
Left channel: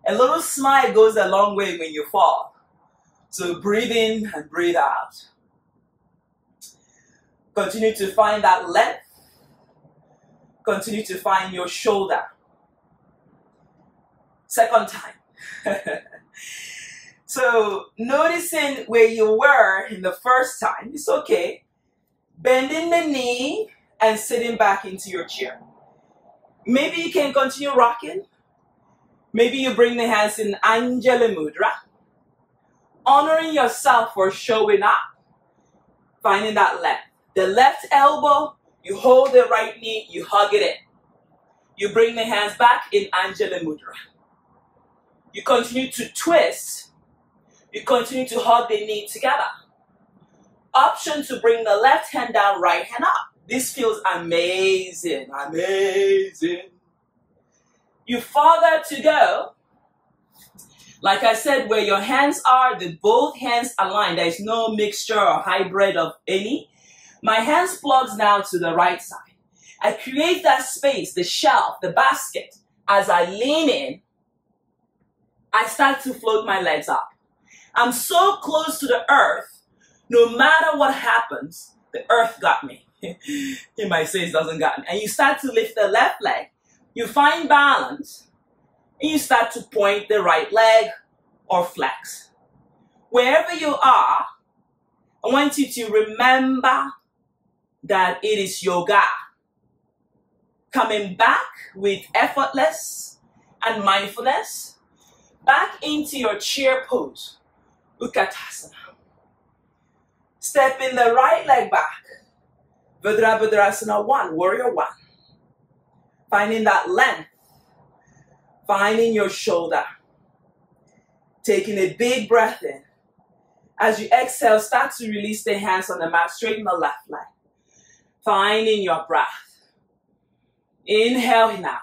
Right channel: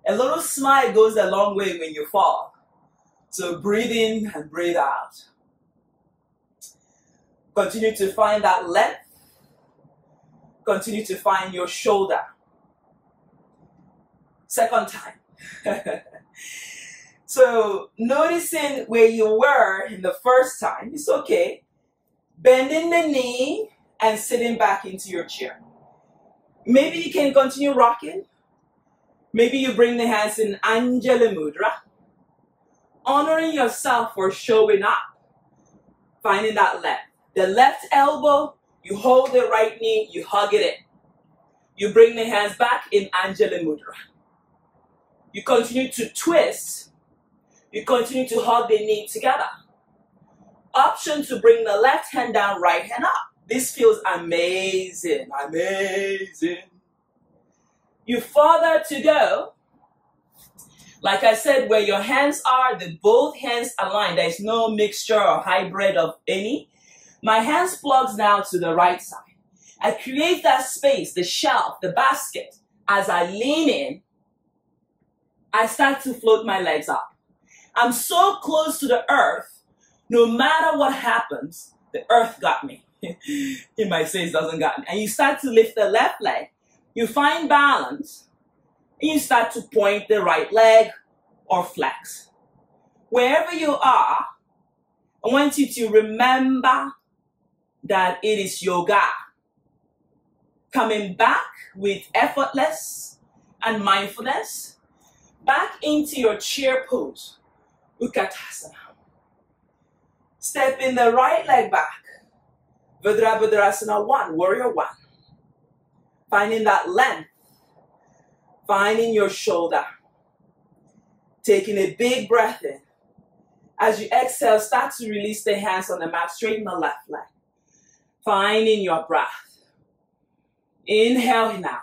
A little smile goes a long way when you fall. So breathe in and breathe out. Continue to find that length. Continue to find your shoulder. Second time. So noticing where you were in the first time, it's okay. Bending the knee and sitting back into your chair. Maybe you can continue rocking. Maybe you bring the hands in Anjali Mudra. Honoring yourself for showing up. Finding that left. The left elbow, you hold the right knee, you hug it in. You bring the hands back in Anjali Mudra. You continue to twist. You continue to hug the knee together. Option to bring the left hand down, right hand up. This feels amazing, amazing. You further to go. Like I said, where your hands are, both hands align. There is no mixture or hybrid of any. My hands plugs now to the right side. I create that space, the shelf, the basket. As I lean in, I start to float my legs up. I'm so close to the earth, no matter what happens, the earth got me. He might say it doesn't got me. And you start to lift the left leg. You find balance. And you start to point the right leg or flex. Wherever you are, I want you to remember that it is yoga. Coming back with effortless and mindfulness. Back into your chair pose. Utkatasana. Stepping the right leg back. Virabhadrasana 1, warrior 1. Finding that length. Finding your shoulder. Taking a big breath in. As you exhale, start to release the hands on the mat. Straighten the left leg. Finding your breath. Inhale now.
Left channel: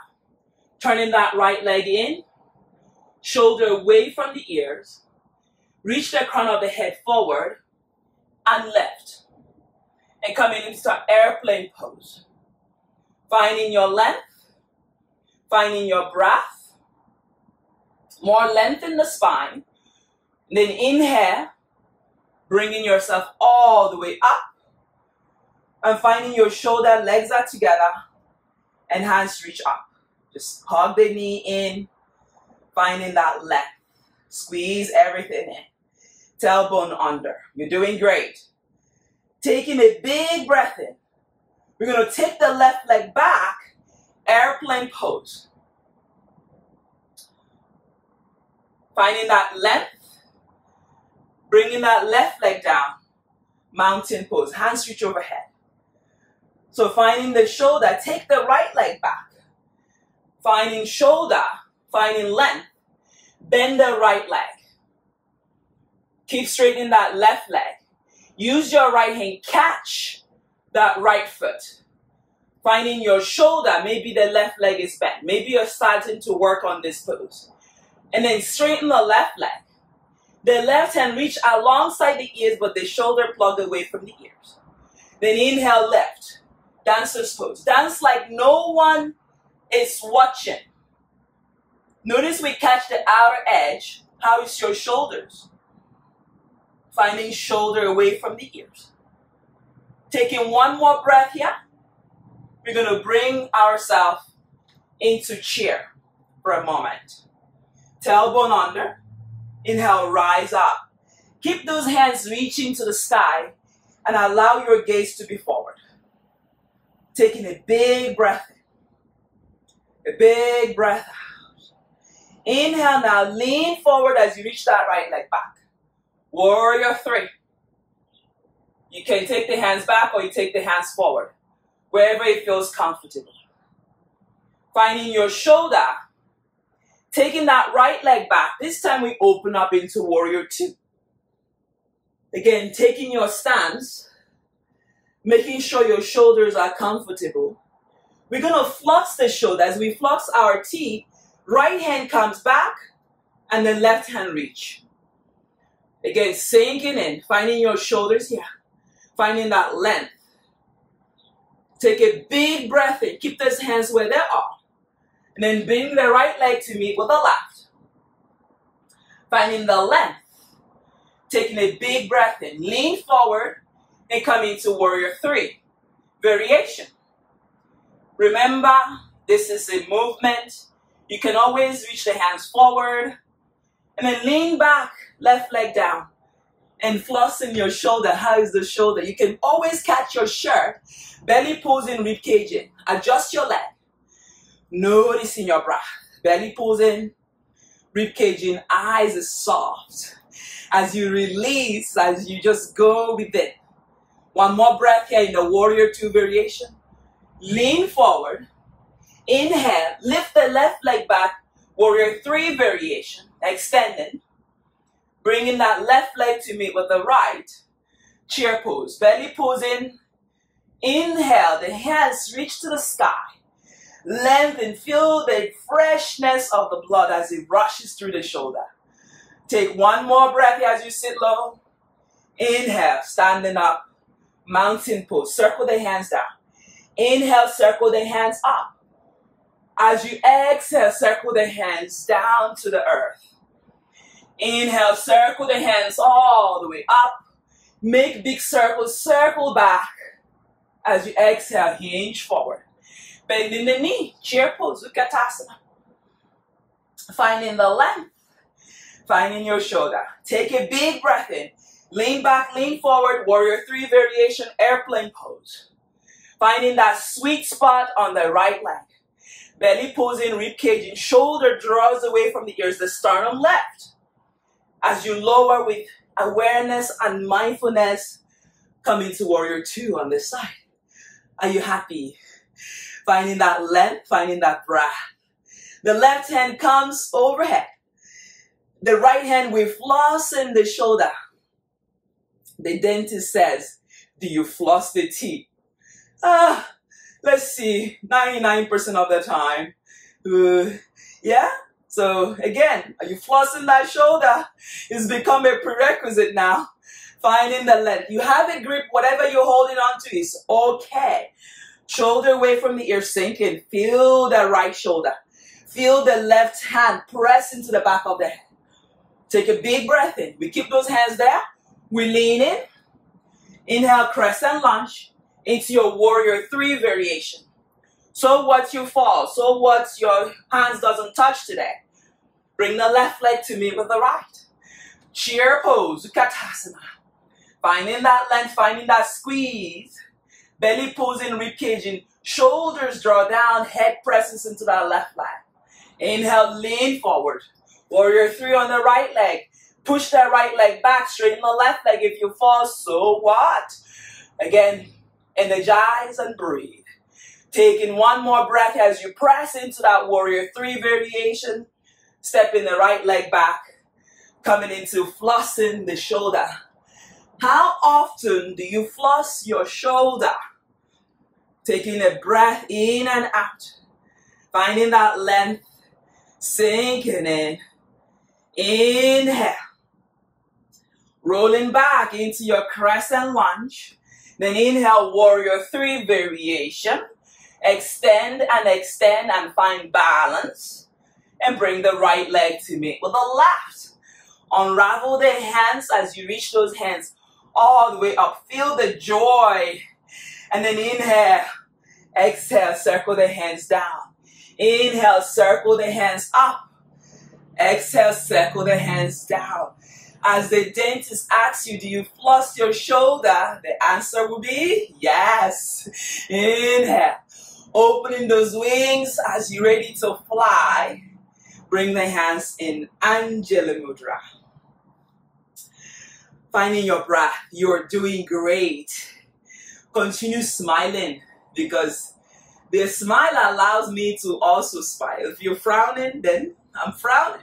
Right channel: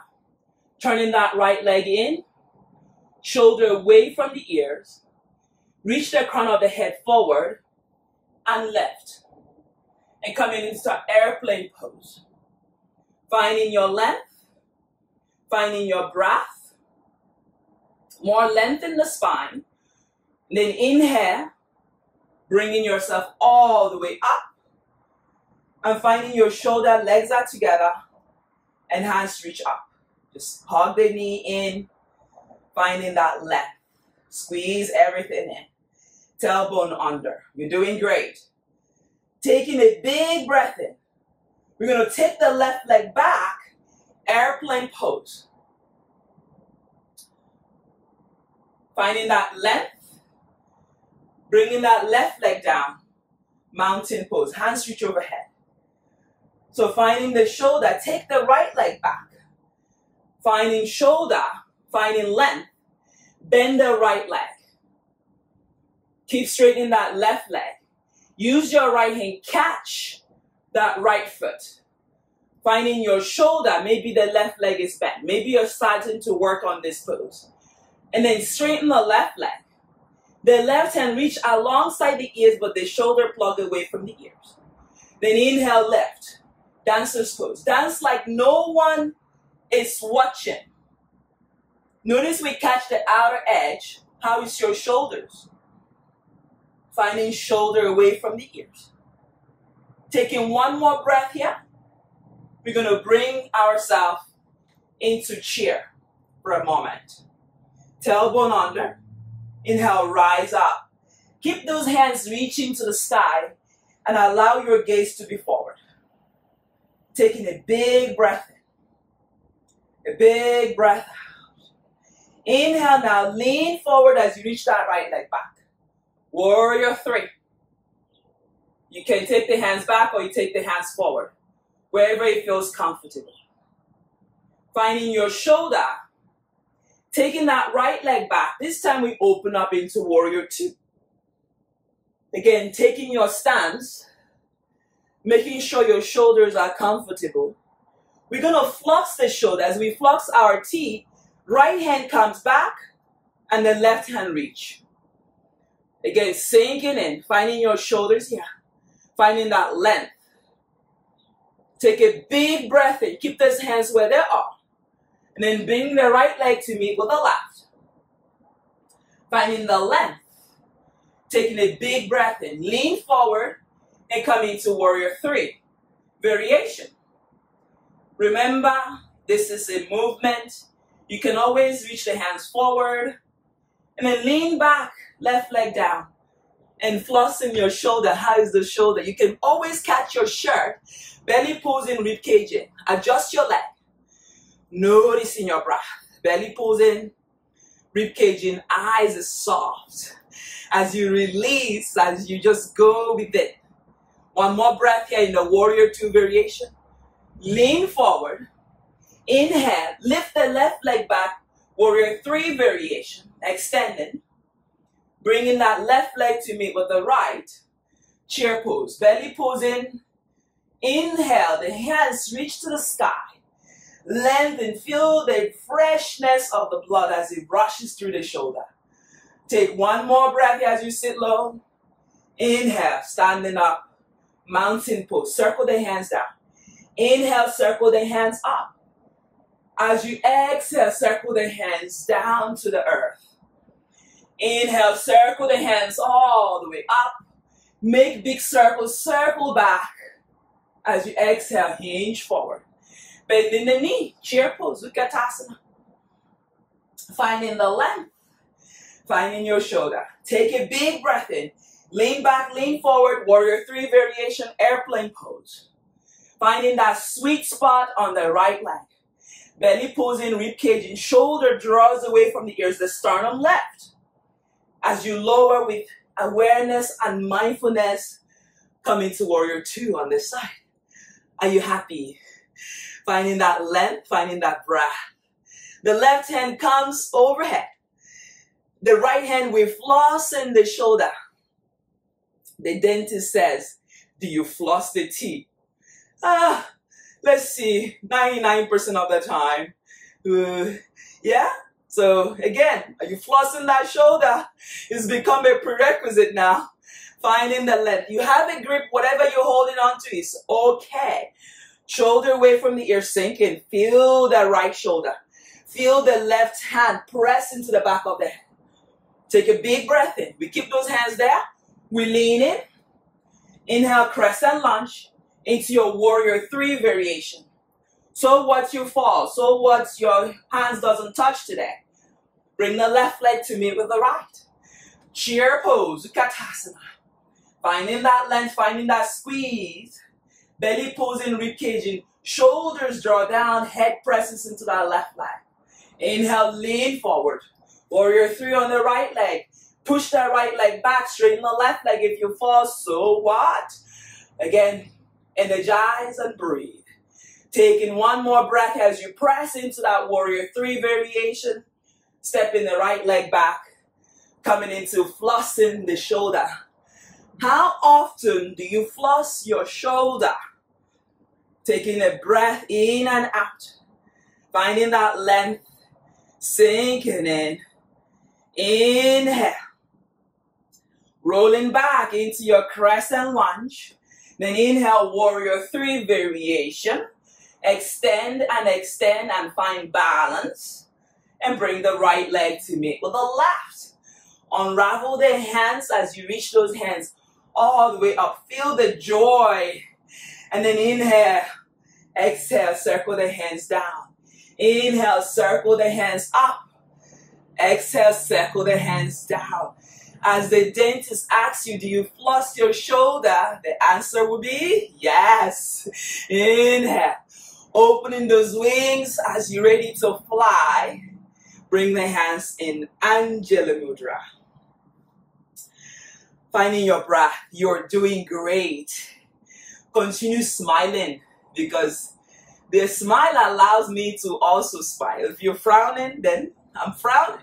Turning that right leg in. Shoulder away from the ears. Reach the crown of the head forward. And lift. And coming into airplane pose. Finding your length. Finding your breath. More length in the spine. And then inhale. Bringing yourself all the way up. And finding your shoulder, legs are together. And hands reach up. Just hug the knee in. Finding that length. Squeeze everything in. Tailbone under. You're doing great. Taking a big breath in. We're going to take the left leg back. Airplane pose. Finding that length. Bringing that left leg down. Mountain pose. Hands reach overhead. So finding the shoulder. Take the right leg back. Finding shoulder. Finding length. Bend the right leg. Keep straightening that left leg. Use your right hand. Catch that right foot. Finding your shoulder. Maybe the left leg is bent. Maybe you're starting to work on this pose. And then straighten the left leg. The left hand reach alongside the ears, but the shoulder plug away from the ears. Then inhale, lift. Dancer's pose. Dance like no one is watching. Notice we catch the outer edge. How is your shoulders? Finding shoulder away from the ears. Taking one more breath here. We're going to bring ourselves into chair for a moment. Tailbone under. Inhale, rise up. Keep those hands reaching to the sky and allow your gaze to be forward. Taking a big breath in. A big breath out. Inhale now, lean forward as you reach that right leg back. Warrior 3. You can take the hands back or you take the hands forward, wherever it feels comfortable. Finding your shoulder, taking that right leg back. This time we open up into Warrior 2. Again, taking your stance, making sure your shoulders are comfortable. We're going to flux the shoulder. As we flux our T, right hand comes back and then left hand reach. Again, sinking in, finding your shoulders here, finding that length. Take a big breath in, keep those hands where they are. And then bring the right leg to meet with the left. Finding the length. Taking a big breath in, lean forward and come into Warrior 3. Variation. Remember, this is a movement. You can always reach the hands forward and then lean back, left leg down, and flossing your shoulder. How is the shoulder? You can always catch your shirt, belly pulls in, rib cage in. Adjust your leg. Noticing your breath. Belly pulls in, rib cage in, eyes are soft. As you release, as you just go with it. One more breath here in the Warrior 2 variation. Lean forward. Inhale, lift the left leg back. Warrior 3 variation. Extending. Bringing that left leg to meet with the right. Chair pose. Belly pulls in. Inhale, the hands reach to the sky. Lengthen, feel the freshness of the blood as it rushes through the shoulder. Take one more breath here as you sit low. Inhale, standing up. Mountain pose. Circle the hands down. Inhale, circle the hands up. As you exhale, circle the hands down to the earth. Inhale, circle the hands all the way up. Make big circles, circle back. As you exhale, hinge forward. Bending the knee, chair pose, skadasana. Finding the length. Finding your shoulder. Take a big breath in. Lean back, lean forward. Warrior 3 variation, airplane pose. Finding that sweet spot on the right leg. Belly pulls in, rib cage in. Shoulder draws away from the ears, the sternum left. As you lower with awareness and mindfulness, come into Warrior 2 on this side. Are you happy? Finding that length, finding that breath. The left hand comes overhead. The right hand, we floss in the shoulder. The dentist says, do you floss the teeth? Let's see, 99% of the time. Yeah? So again, are you flossing that shoulder? It's become a prerequisite now. Finding the length. You have a grip, whatever you're holding on to is okay. Shoulder away from the ear, sink in. Feel the right shoulder. Feel the left hand press into the back of the head. Take a big breath in. We keep those hands there. We lean in. Inhale, crescent lunge into your Warrior 3 variation. So what you fall, so what your hands doesn't touch today. Bring the left leg to meet with the right. Chair pose, skadasana. Finding that length, finding that squeeze. Belly pulls in, rib cage in. Shoulders draw down, head presses into that left leg. Inhale, lean forward. Warrior 3 on the right leg. Push that right leg back, straighten the left leg. If you fall, so what? Again, energize and breathe. Taking one more breath as you press into that Warrior 3 variation. Stepping the right leg back. Coming into flossing the shoulder. How often do you floss your shoulder? Taking a breath in and out. Finding that length. Sinking in. Inhale. Rolling back into your crescent lunge. Then inhale, Warrior 3 variation. Extend and find balance. And bring the right leg to meet with the left. Unravel the hands as you reach those hands all the way up. Feel the joy. And then inhale. Exhale, circle the hands down. Inhale, circle the hands up. Exhale, circle the hands down. As the dentist asks you, do you floss your shoulder? The answer will be yes. Inhale. Opening those wings as you're ready to fly. Bring the hands in Anjali Mudra. Finding your breath. You're doing great. Continue smiling because the smile allows me to also smile. If you're frowning, then I'm frowning.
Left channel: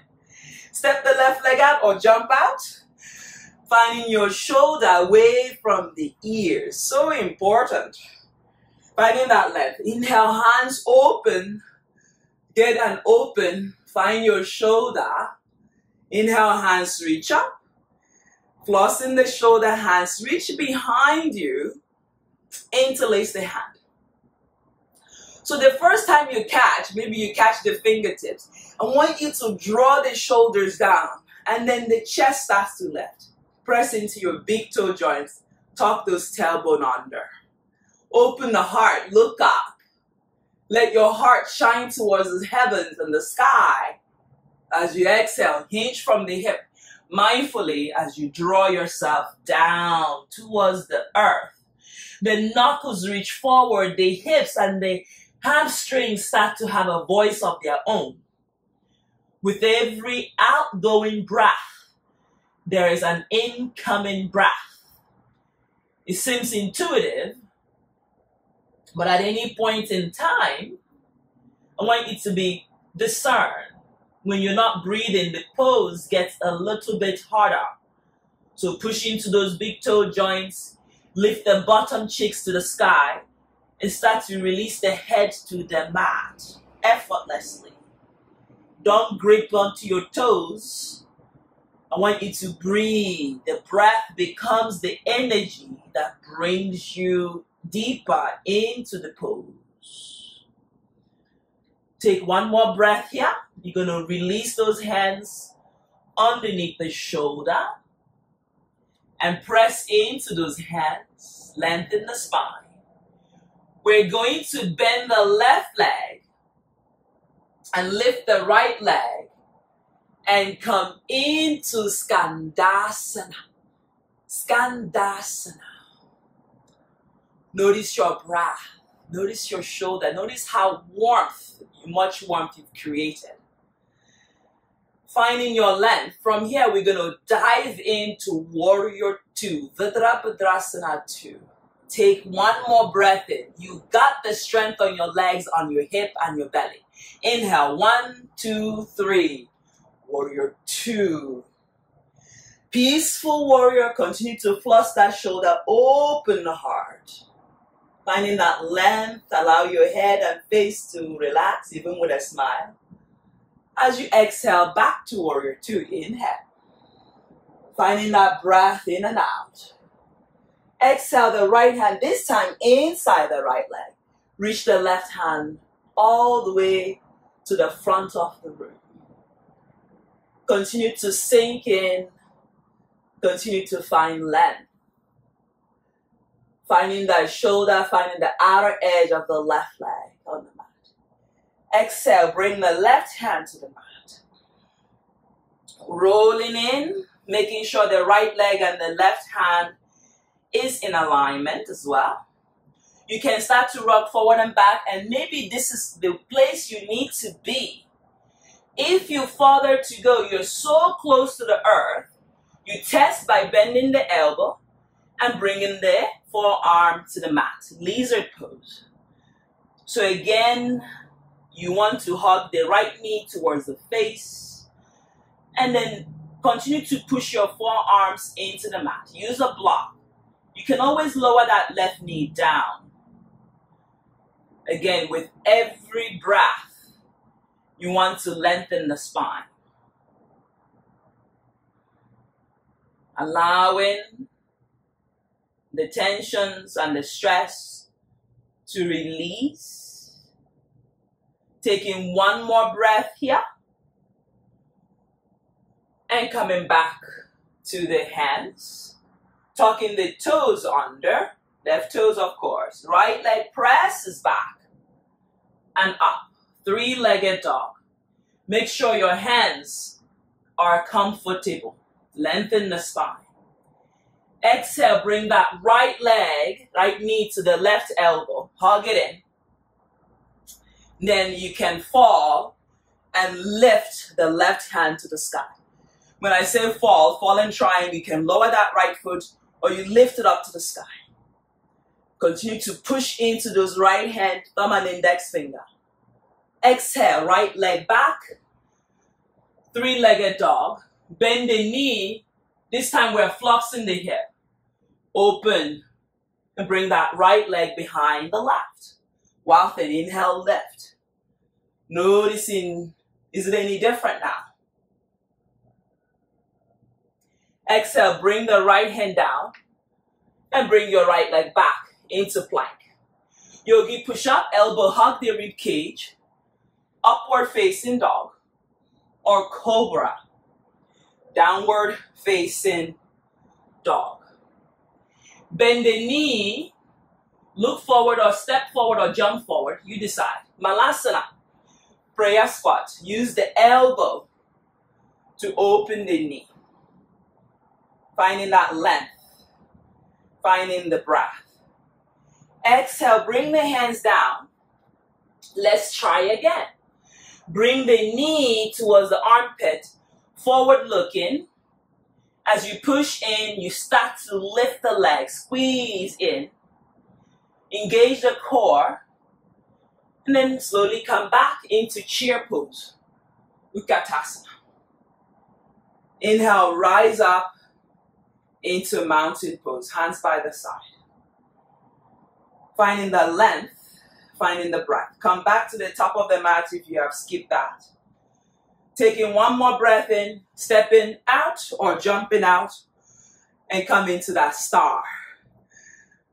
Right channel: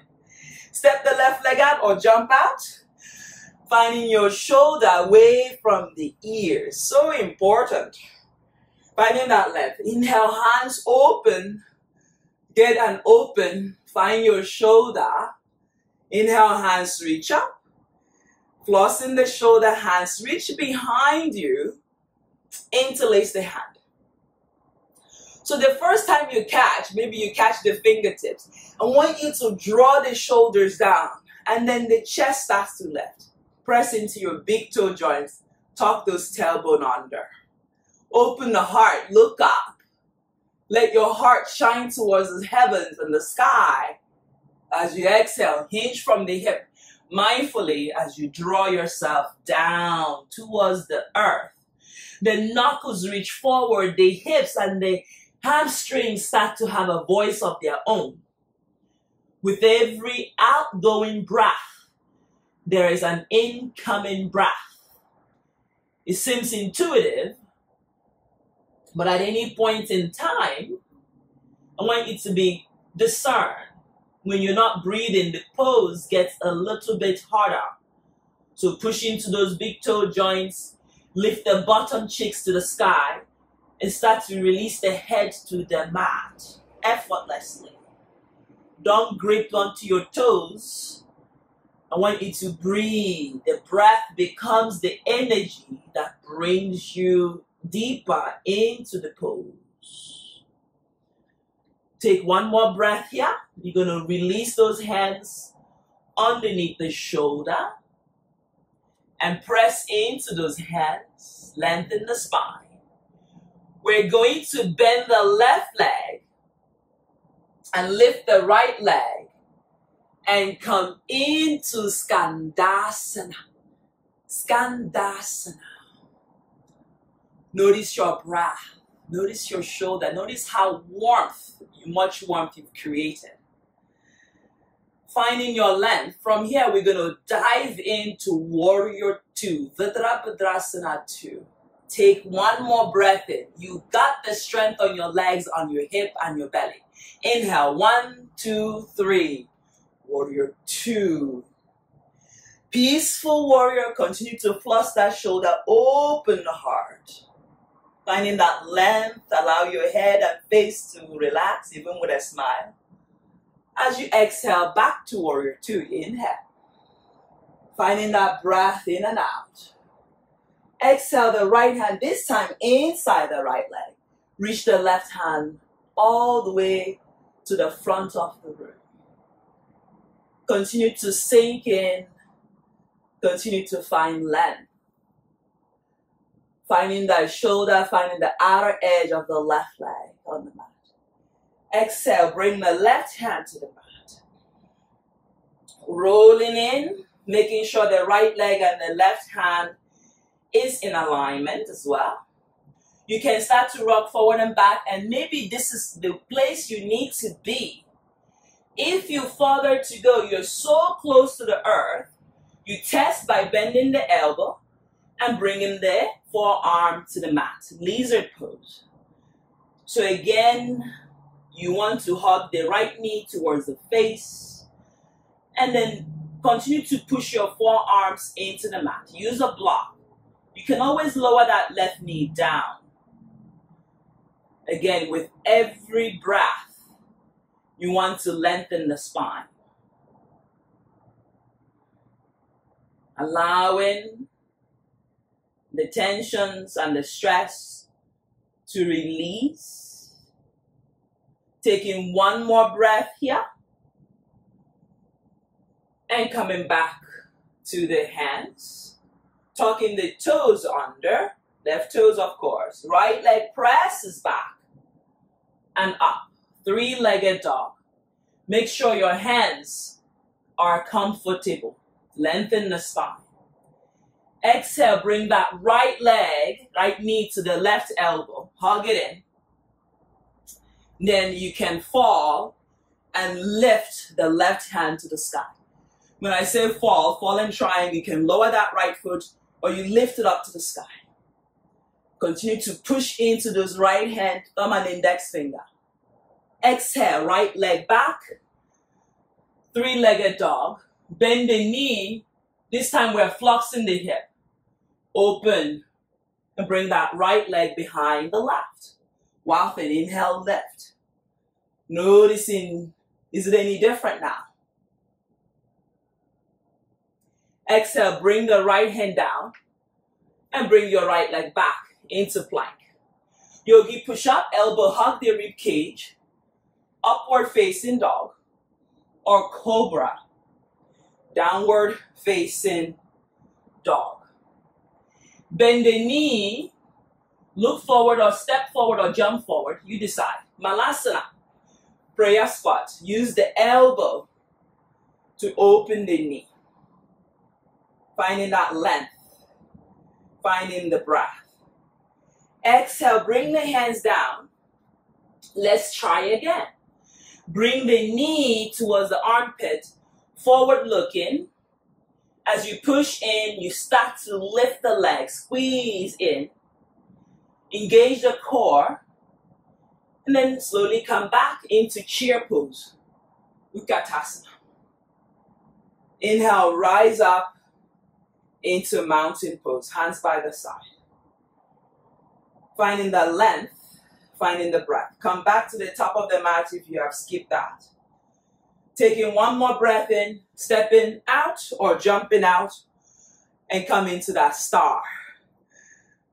Step the left leg out or jump out. Finding your shoulder away from the ears. So important. Finding that length. Inhale, hands open. Get an open. Find your shoulder. Inhale, hands reach up. Flossing the shoulder, hands reach behind you. Interlace the hand. So the first time you catch, maybe you catch the fingertips. I want you to draw the shoulders down. And then the chest starts to lift. Press into your big toe joints. Tuck those tailbone under. Open the heart. Look up. Let your heart shine towards the heavens and the sky. As you exhale, hinge from the hip. Mindfully as you draw yourself down towards the earth. The knuckles reach forward. The hips and the hamstrings start to have a voice of their own. With every outgoing breath, there is an incoming breath. It seems intuitive, but at any point in time, I want you to be discerned. When you're not breathing, the pose gets a little bit harder. So push into those big toe joints, lift the bottom cheeks to the sky, and start to release the head to the mat effortlessly. Don't grip onto your toes. I want you to breathe. The breath becomes the energy that brings you deeper into the pose. Take one more breath here. You're going to release those hands underneath the shoulder and press into those hands. Lengthen the spine. We're going to bend the left leg and lift the right leg and come into skadasana. Skadasana. Notice your breath. Notice your shoulder. Notice how much warmth you've created. Finding your length. From here, we're going to dive into Warrior 2. Vidrapadrasana 2. Take one more breath in. You got the strength on your legs, on your hip, and your belly. Inhale. 1, 2, 3. Warrior 2. Peaceful warrior. Continue to floss that shoulder. Open the heart. Finding that length. Allow your head and face to relax, even with a smile. As you exhale, back to Warrior 2. Inhale. Finding that breath in and out. Exhale the right hand, this time inside the right leg. Reach the left hand all the way to the front of the room. Continue to sink in. Continue to find length. Finding that shoulder, finding the outer edge of the left leg on the mat. Exhale, bring the left hand to the mat. Rolling in, making sure the right leg and the left hand is in alignment as well. You can start to rock forward and back, and maybe this is the place you need to be. If you further to go, you're so close to the earth, you test by bending the elbow and bringing the forearm to the mat. Lizard pose. So again, you want to hug the right knee towards the face, and then continue to push your forearms into the mat. Use a block. You can always lower that left knee down. Again, with every breath, you want to lengthen the spine. Allowing the tensions and the stress to release. Taking one more breath here. And coming back to the hands, tucking the toes under, left toes of course. Right leg presses back and up. Three-legged dog. Make sure your hands are comfortable. Lengthen the spine. Exhale, bring that right leg, right knee to the left elbow. Hug it in. Then you can fall and lift the left hand to the sky. When I say fall and triangle, you can lower that right foot or you lift it up to the sky. Continue to push into those right hand, thumb and index finger. Exhale, right leg back. Three-legged dog. Bend the knee. This time we're flexing the hip. Open and bring that right leg behind the left. While then inhale, lift. Noticing, is it any different now? Exhale, bring the right hand down and bring your right leg back into plank. Yogi push up, elbow hug the rib cage, upward facing dog or cobra, downward facing dog. Bend the knee, look forward or step forward or jump forward, you decide. Malasana, prayer squat. Use the elbow to open the knee. Finding that length, finding the breath. Exhale, bring the hands down. Let's try again. Bring the knee towards the armpit, forward looking. As you push in, you start to lift the legs, squeeze in. Engage the core. And then slowly come back into chair pose. Utkatasana. Inhale, rise up into mountain pose, hands by the side. Finding the length, finding the breath. Come back to the top of the mat if you have skipped that. Taking one more breath in, stepping out or jumping out, and come into that star.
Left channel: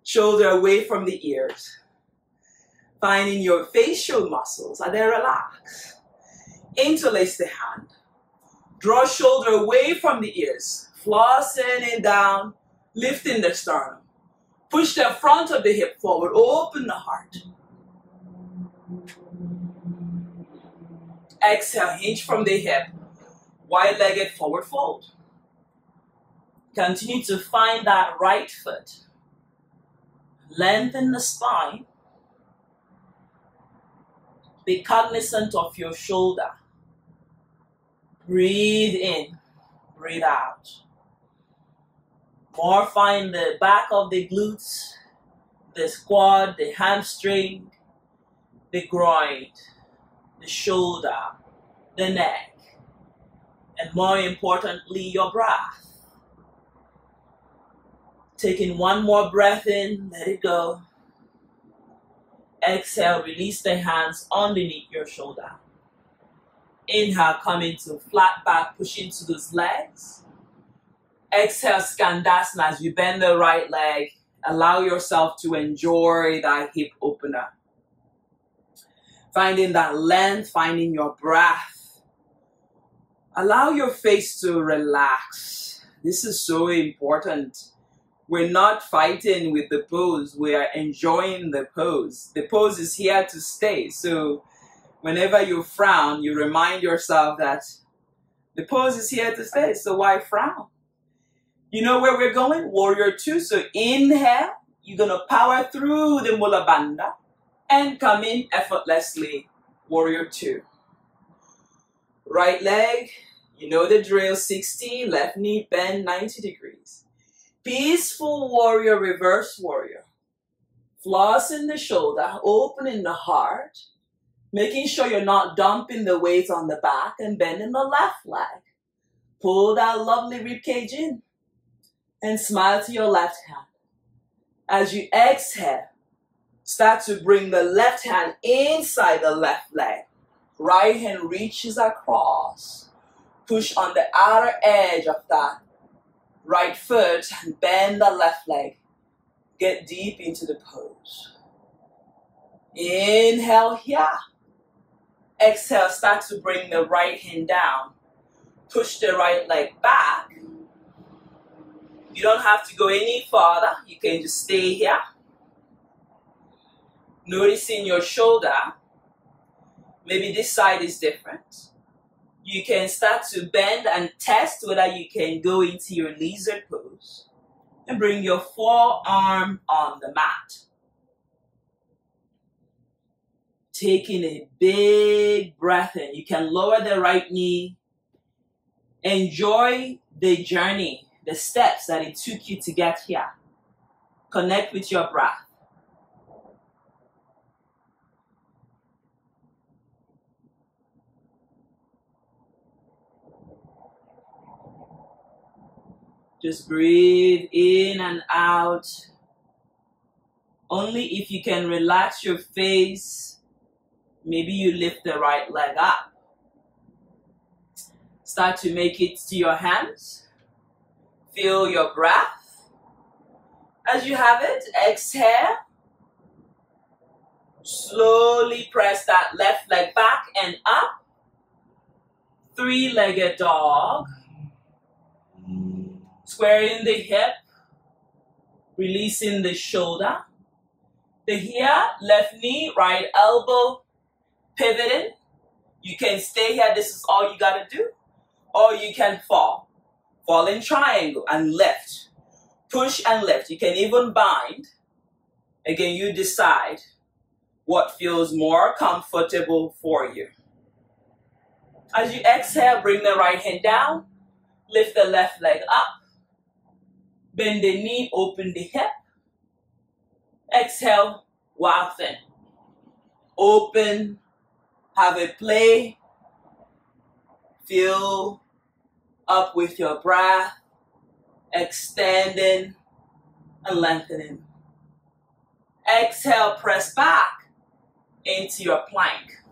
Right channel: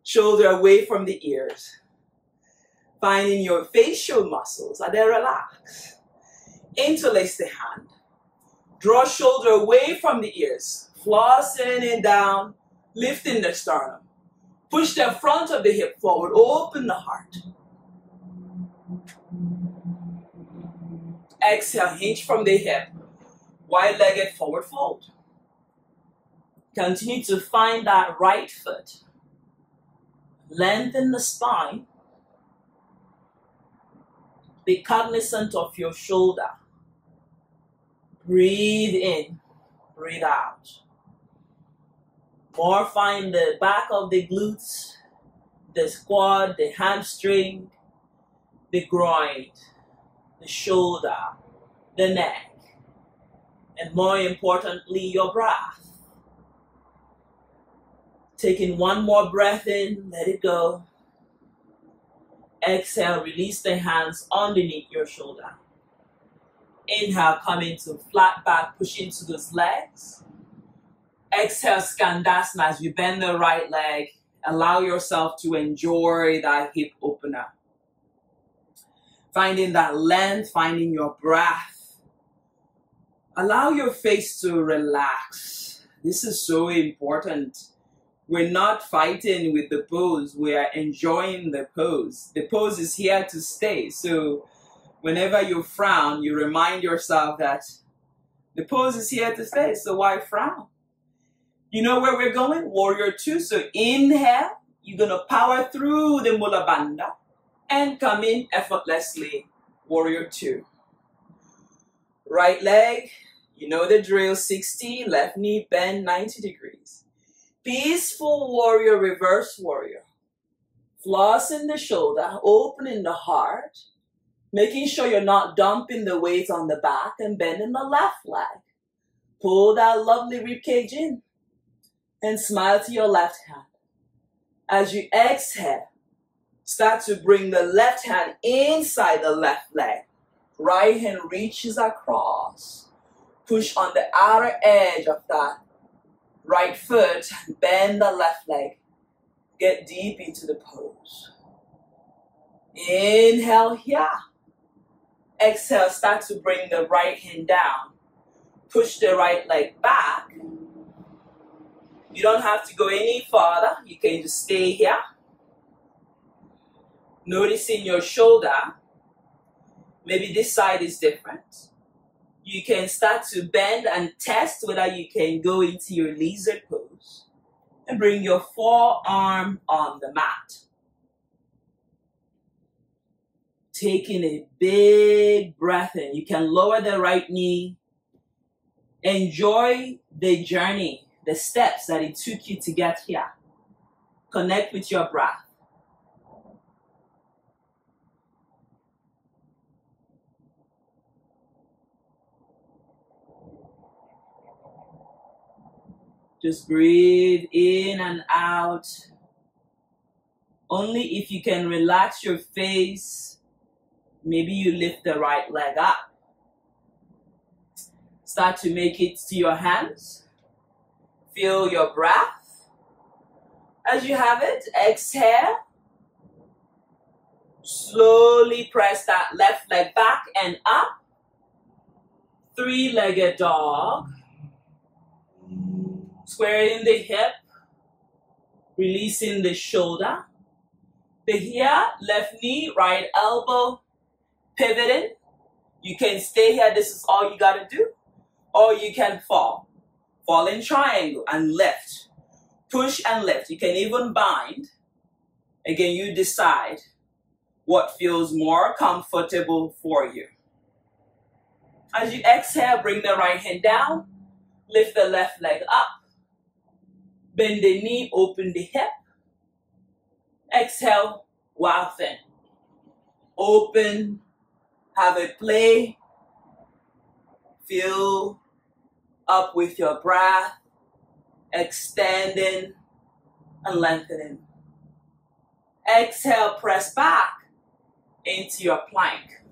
Shoulder away from the ears. Finding your facial muscles, are they relaxed? Interlace the hand. Draw shoulder away from the ears. Flossing it down, lifting the sternum. Push the front of the hip forward, open the heart. Exhale, hinge from the hip, wide-legged forward fold. Continue to find that right foot. Lengthen the spine. Be cognizant of your shoulder. Breathe in, breathe out. More find the back of the glutes, the quad, the hamstring, the groin, the shoulder, the neck, and more importantly, your breath. Taking one more breath in, let it go. Exhale, release the hands underneath your shoulder. Inhale, come into flat back, push into those legs. Exhale, skadasana as you bend the right leg. Allow yourself to enjoy that hip opener. Finding that length, finding your breath. Allow your face to relax. This is so important. We're not fighting with the pose. We are enjoying the pose. The pose is here to stay. So whenever you frown, you remind yourself that the pose is here to stay. So why frown? You know where we're going? Warrior 2. So inhale, you're going to power through the Mula Bandha and come in effortlessly. Warrior 2. Right leg, you know the drill, 60, left knee bend 90 degrees. Peaceful warrior, reverse warrior. Flossing the shoulder, opening the heart, making sure you're not dumping the weight on the back and bending the left leg. Pull that lovely rib cage in and smile to your left hand. As you exhale, start to bring the left hand inside the left leg. Right hand reaches across. Push on the outer edge of that right foot and bend the left leg. Get deep into the pose. Inhale here. Exhale, start to bring the right hand down. Push the right leg back. You don't have to go any farther. You can just stay here. Noticing your shoulder. Maybe this side is different. You can start to bend and test whether you can go into your lizard pose. And bring your forearm on the mat. Taking a big breath in. You can lower the right knee. Enjoy the journey, the steps that it took you to get here. Connect with your breath. Just breathe in and out. Only if you can relax your face, maybe you lift the right leg up. Start to make it to your hands. Feel your breath. As you have it, exhale. Slowly press that left leg back and up. Three-legged dog. Squaring the hip. Releasing the shoulder. The here, left knee, right elbow. Pivoting. You can stay here. This is all you got to do. Or you can fall. Fall in triangle and lift. Push and lift. You can even bind. Again, you decide what feels more comfortable for you. As you exhale, bring the right hand down. Lift the left leg up. Bend the knee, open the hip. Exhale, wafting. Open, have a play. Feel up with your breath, extending and lengthening. Exhale, press back into your plank.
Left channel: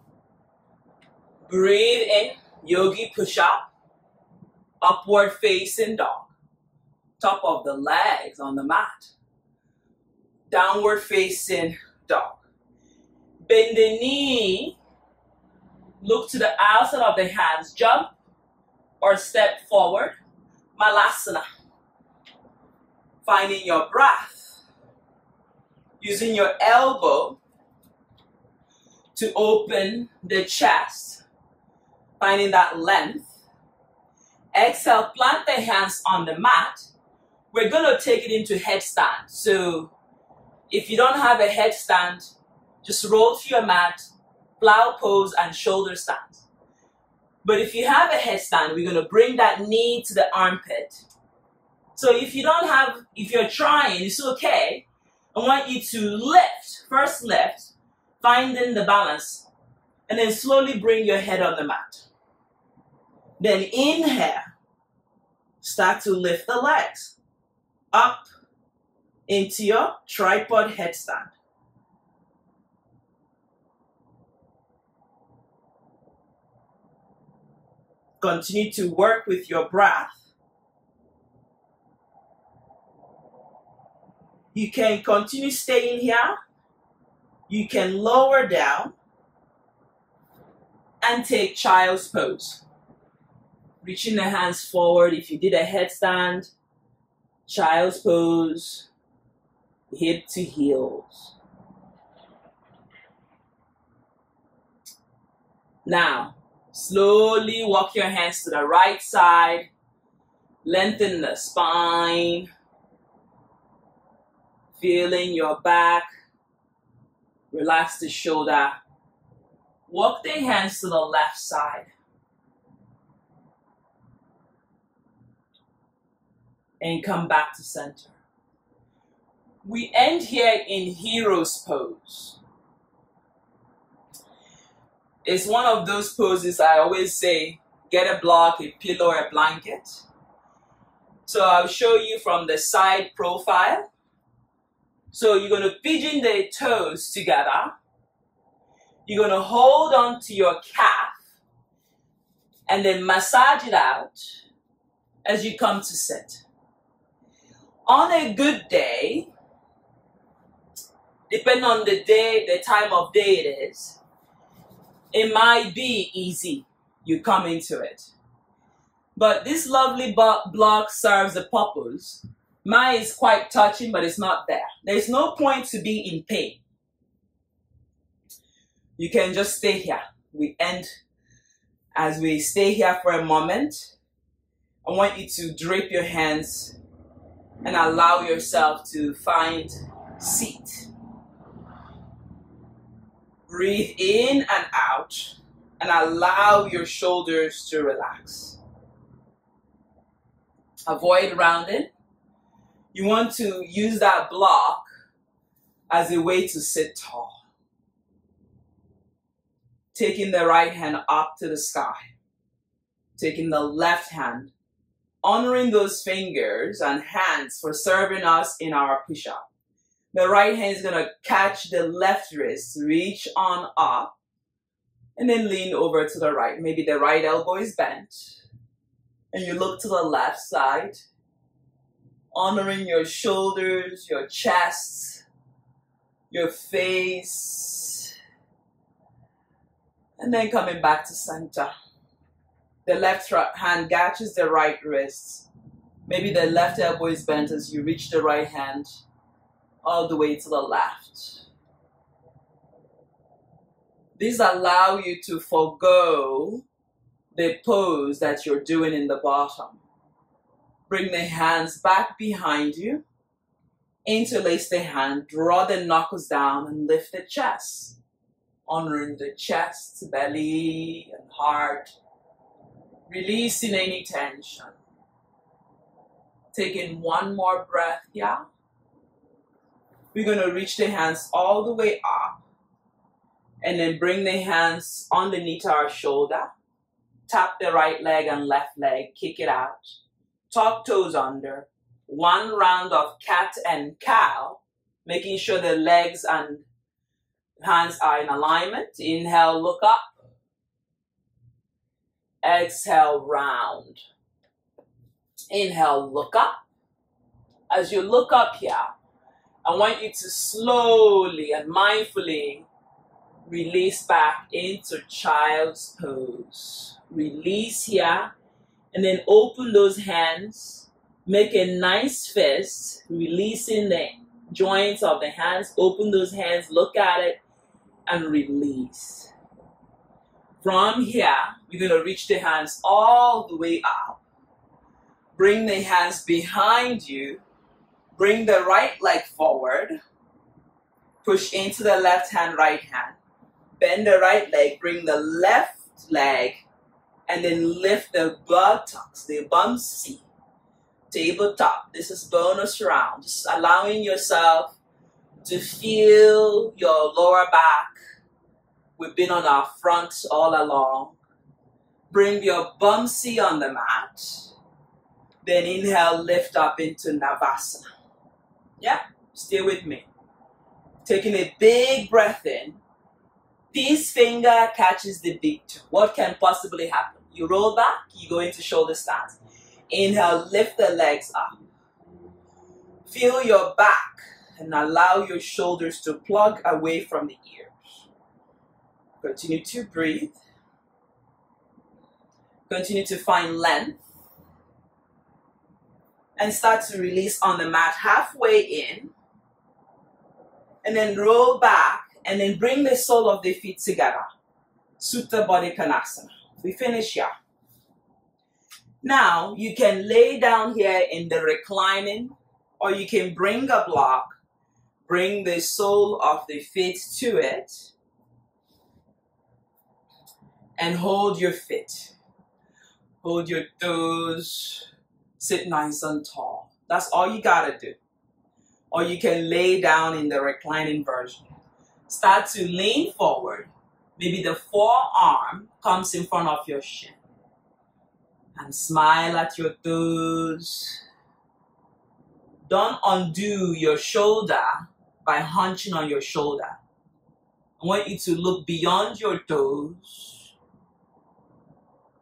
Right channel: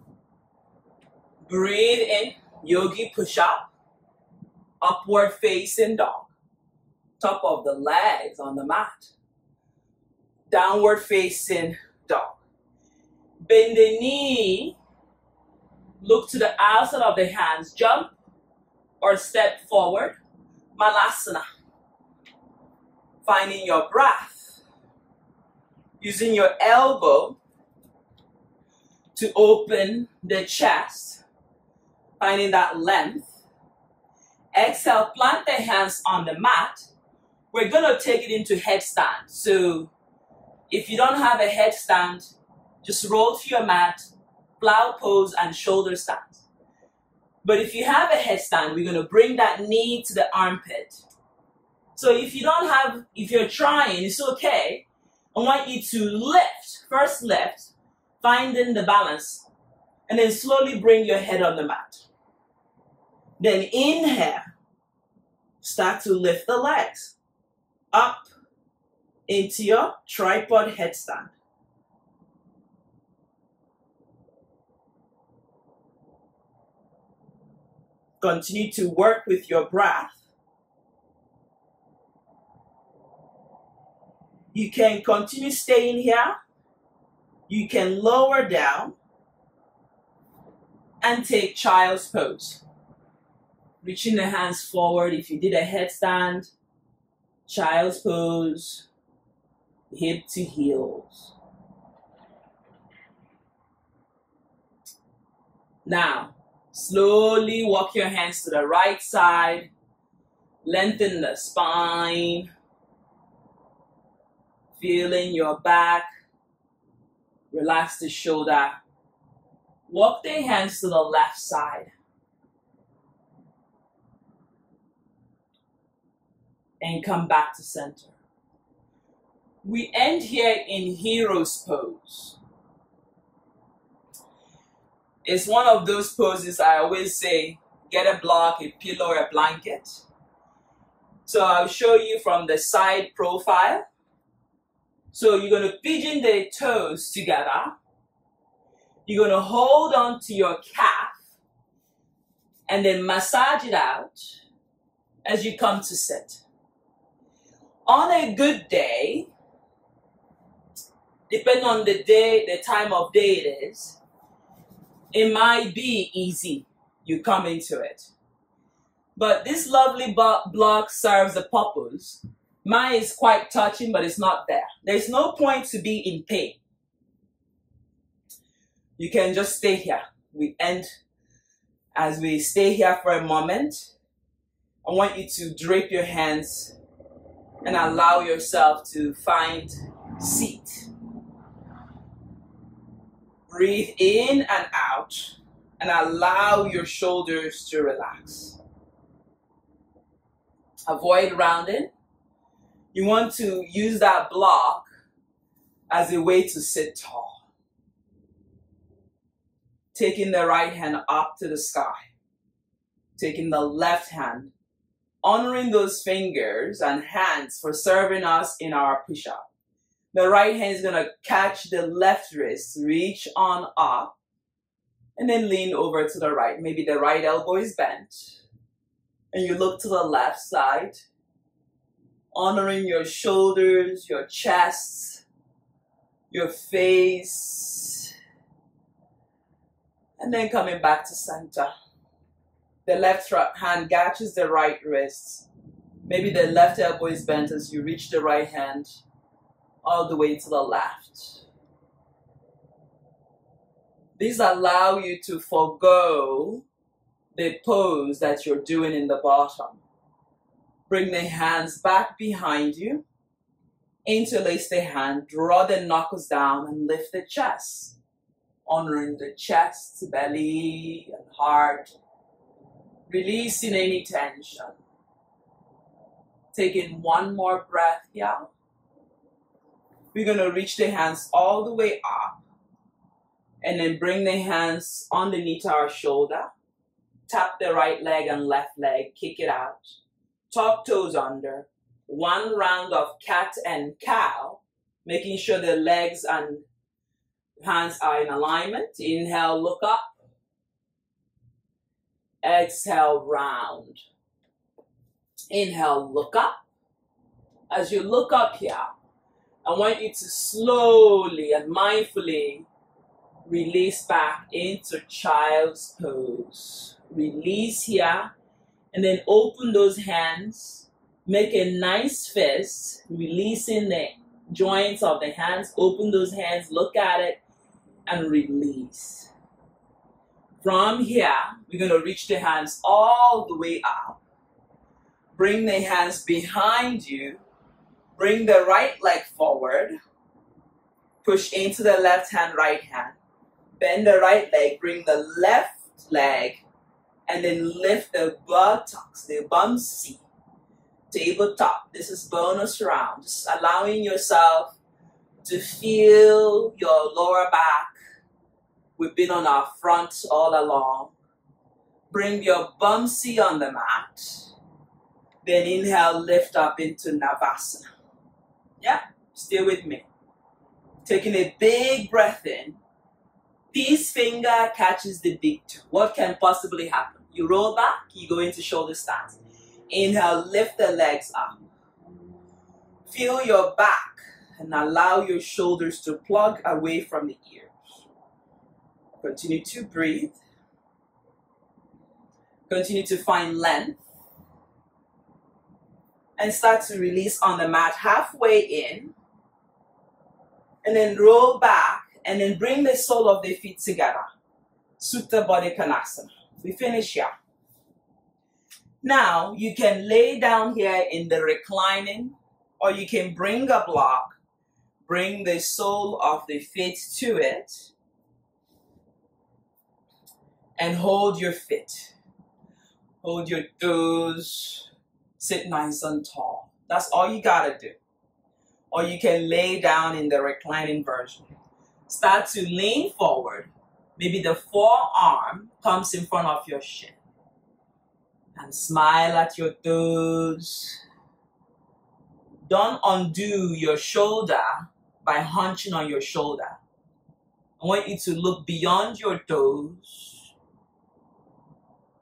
Breathe in, yogi push-up, upward facing dog. Top of the legs on the mat. Downward facing dog. Bend the knee, look to the outside of the hands, jump or step forward. Malasana. Finding your breath. Using your elbow to open the chest. Finding that length. Exhale, plant the hands on the mat. We're going to take it into headstand. So if you don't have a headstand, just roll to your mat, plow pose, and shoulder stand. But if you have a headstand, we're going to bring that knee to the armpit. So if you're trying, it's okay. I want you to lift, first lift, finding the balance, and then slowly bring your head on the mat. Then inhale, start to lift the legs up into your tripod headstand. Continue to work with your breath. You can continue staying here. You can lower down and take child's pose. Reaching the hands forward. If you did a headstand, child's pose, hip to heels. Now, slowly walk your hands to the right side. Lengthen the spine. Feeling your back. Relax the shoulder. Walk the hands to the left side. And come back to center. We end here in hero's pose. It's one of those poses I always say, get a block, a pillow, or a blanket. So I'll show you from the side profile. So you're going to pigeon the toes together. You're going to hold on to your calf and then massage it out as you come to sit. On a good day, depending on the day, the time of day it is, it might be easy. You come into it. But this lovely block serves the purpose. Mine is quite touching, but it's not there. There's no point to be in pain. You can just stay here. We end as we stay here for a moment. I want you to drape your hands and allow yourself to find seat. Breathe in and out and allow your shoulders to relax. Avoid rounding. You want to use that block as a way to sit tall. Taking the right hand up to the sky. Taking the left hand, honoring those fingers and hands for serving us in our push-up. The right hand is going to catch the left wrist, reach on up, and then lean over to the right. Maybe the right elbow is bent, and you look to the left side, honoring your shoulders, your chest, your face, and then coming back to center. The left hand catches the right wrist. Maybe the left elbow is bent as you reach the right hand all the way to the left. These allow you to forego the pose that you're doing in the bottom. Bring the hands back behind you. Interlace the hand, draw the knuckles down and lift the chest. Honoring the chest, belly, and heart. Releasing any tension. Taking one more breath here. We're going to reach the hands all the way up. And then bring the hands underneath our shoulder. Tap the right leg and left leg. Kick it out. Top toes under. One round of cat and cow. Making sure the legs and hands are in alignment. Inhale, look up. Exhale, round. Inhale, look up. As you look up here, I want you to slowly and mindfully release back into child's pose. Release here, and then open those hands. Make a nice fist, releasing the joints of the hands. Open those hands, look at it, and release. From here, we're going to reach the hands all the way up. Bring the hands behind you. Bring the right leg forward. Push into the left hand, right hand. Bend the right leg. Bring the left leg. And then lift the buttocks, the bum seat. Tabletop. This is bonus round. Just allowing yourself to feel your lower back. We've been on our front all along. Bring your bum seat on the mat. Then inhale, lift up into Navasana. Yeah, stay with me. Taking a big breath in. Peace finger catches the big toe. What can possibly happen? You roll back, you go into shoulder stance. Inhale, lift the legs up. Feel your back and allow your shoulders to plug away from the ears. Continue to breathe. Continue to find length. And start to release on the mat halfway in. And then roll back. And then bring the sole of the feet together. Supta Baddha Konasana. We finish here. Now, you can lay down here in the reclining. Or you can bring a block. Bring the sole of the feet to it. And hold your feet. Hold your toes. Sit nice and tall. That's all you gotta do. Or you can lay down in the reclining version. Start to lean forward. Maybe the forearm comes in front of your shin. And smile at your toes. Don't undo your shoulder by hunching on your shoulder. I want you to look beyond your toes.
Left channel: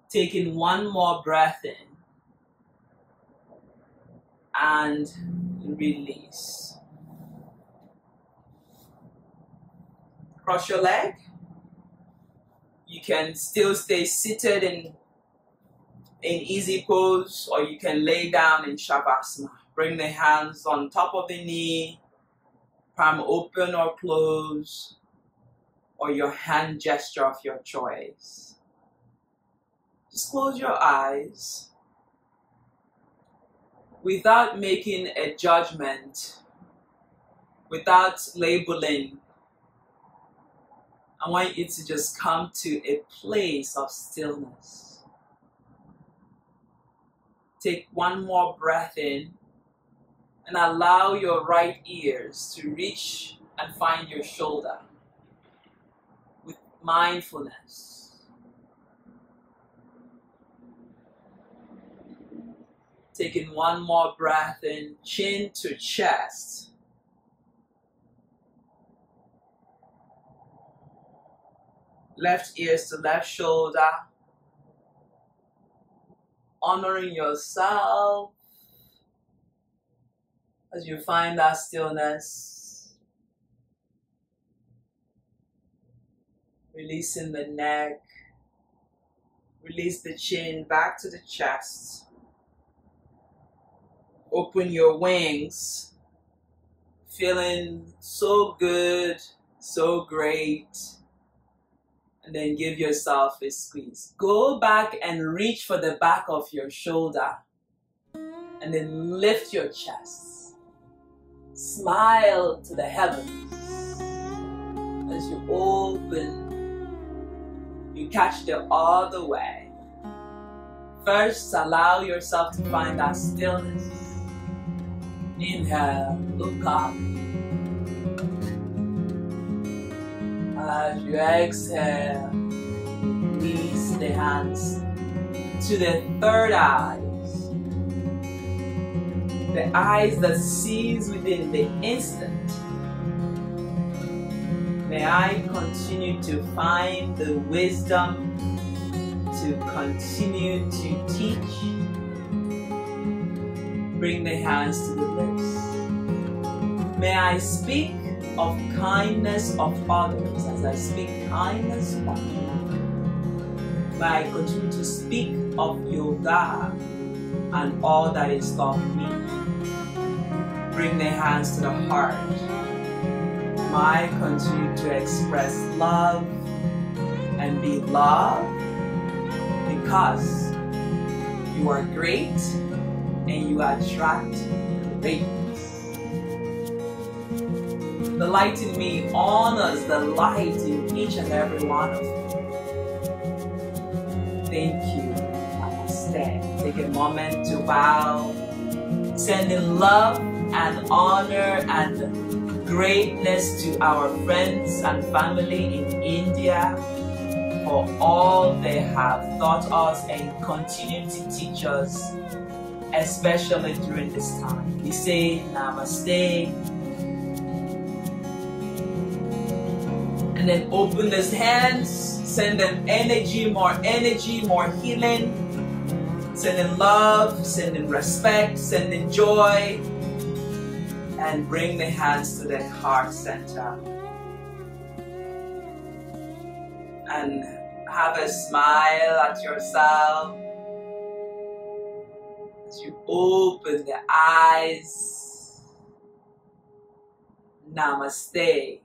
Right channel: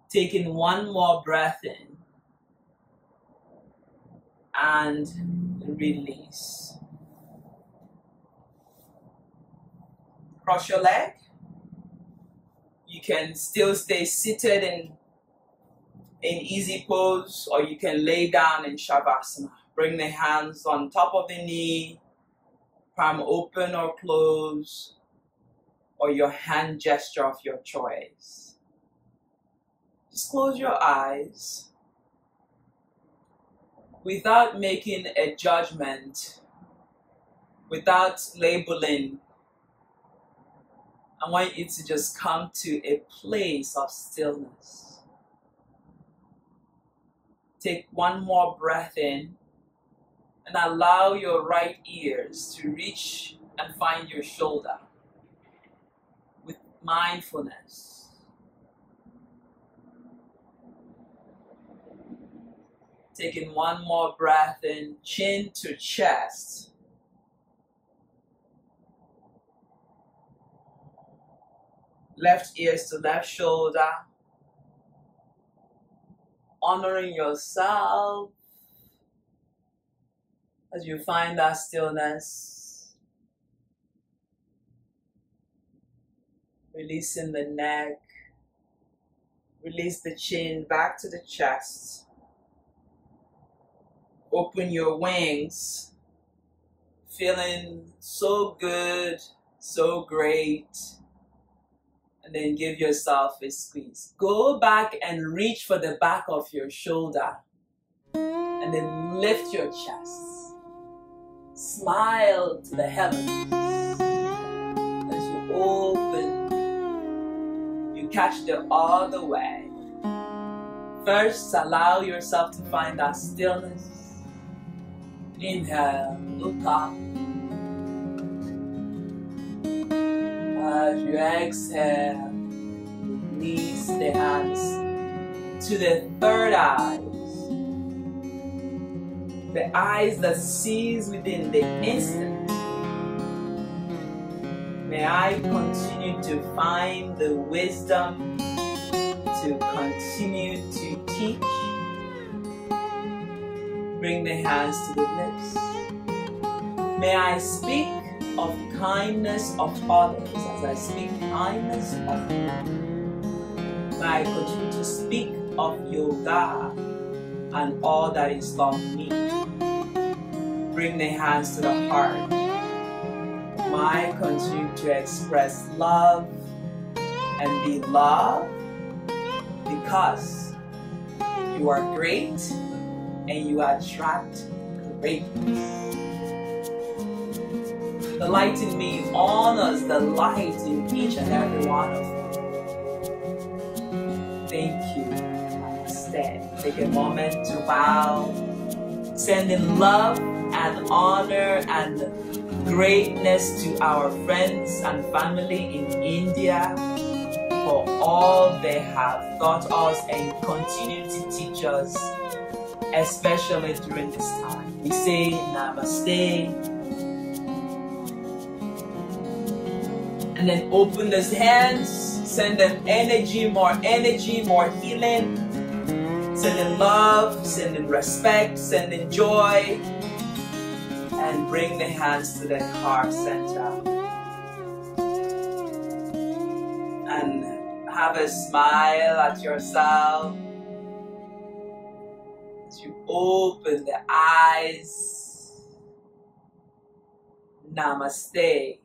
Taking one more breath in. And release. Cross your leg. You can still stay seated in easy pose, or you can lay down in shavasana. Bring the hands on top of the knee, palm open or close, or your hand gesture of your choice. Just close your eyes without making a judgment, without labeling. I want you to just come to a place of stillness. Take one more breath in and allow your right ears to reach and find your shoulder with mindfulness. Taking one more breath in, chin to chest. Left ears to left shoulder. Honoring yourself as you find that stillness. Releasing the neck. Release the chin back to the chest. Open your wings. Feeling so good, so great. And then give yourself a squeeze. Go back and reach for the back of your shoulder. And then lift your chest. Smile to the heavens. As you open, you catch the other way. First, allow yourself to find that stillness. Inhale, look up. As you exhale, release the hands to the third eye. The eyes that sees within the instant. May I continue to find the wisdom to continue to teach. Bring the hands to the lips. May I speak of kindness of others as I speak kindness of you. May I continue to speak of yoga and all that is taught me. Bring the hands to the heart. May I continue to express love and be loved because you are great and you attract greatness. The light in me honors the light in each and every one of you. Thank you. Namaste. Take a moment to bow. Sending love and honor and greatness to our friends and family in India for all they have taught us and continue to teach us, especially during this time. We say Namaste. And then open those hands, send them energy, more healing, send them love, send them respect, send them joy, and bring the hands to the heart center. And have a smile at yourself as you open the eyes. Namaste.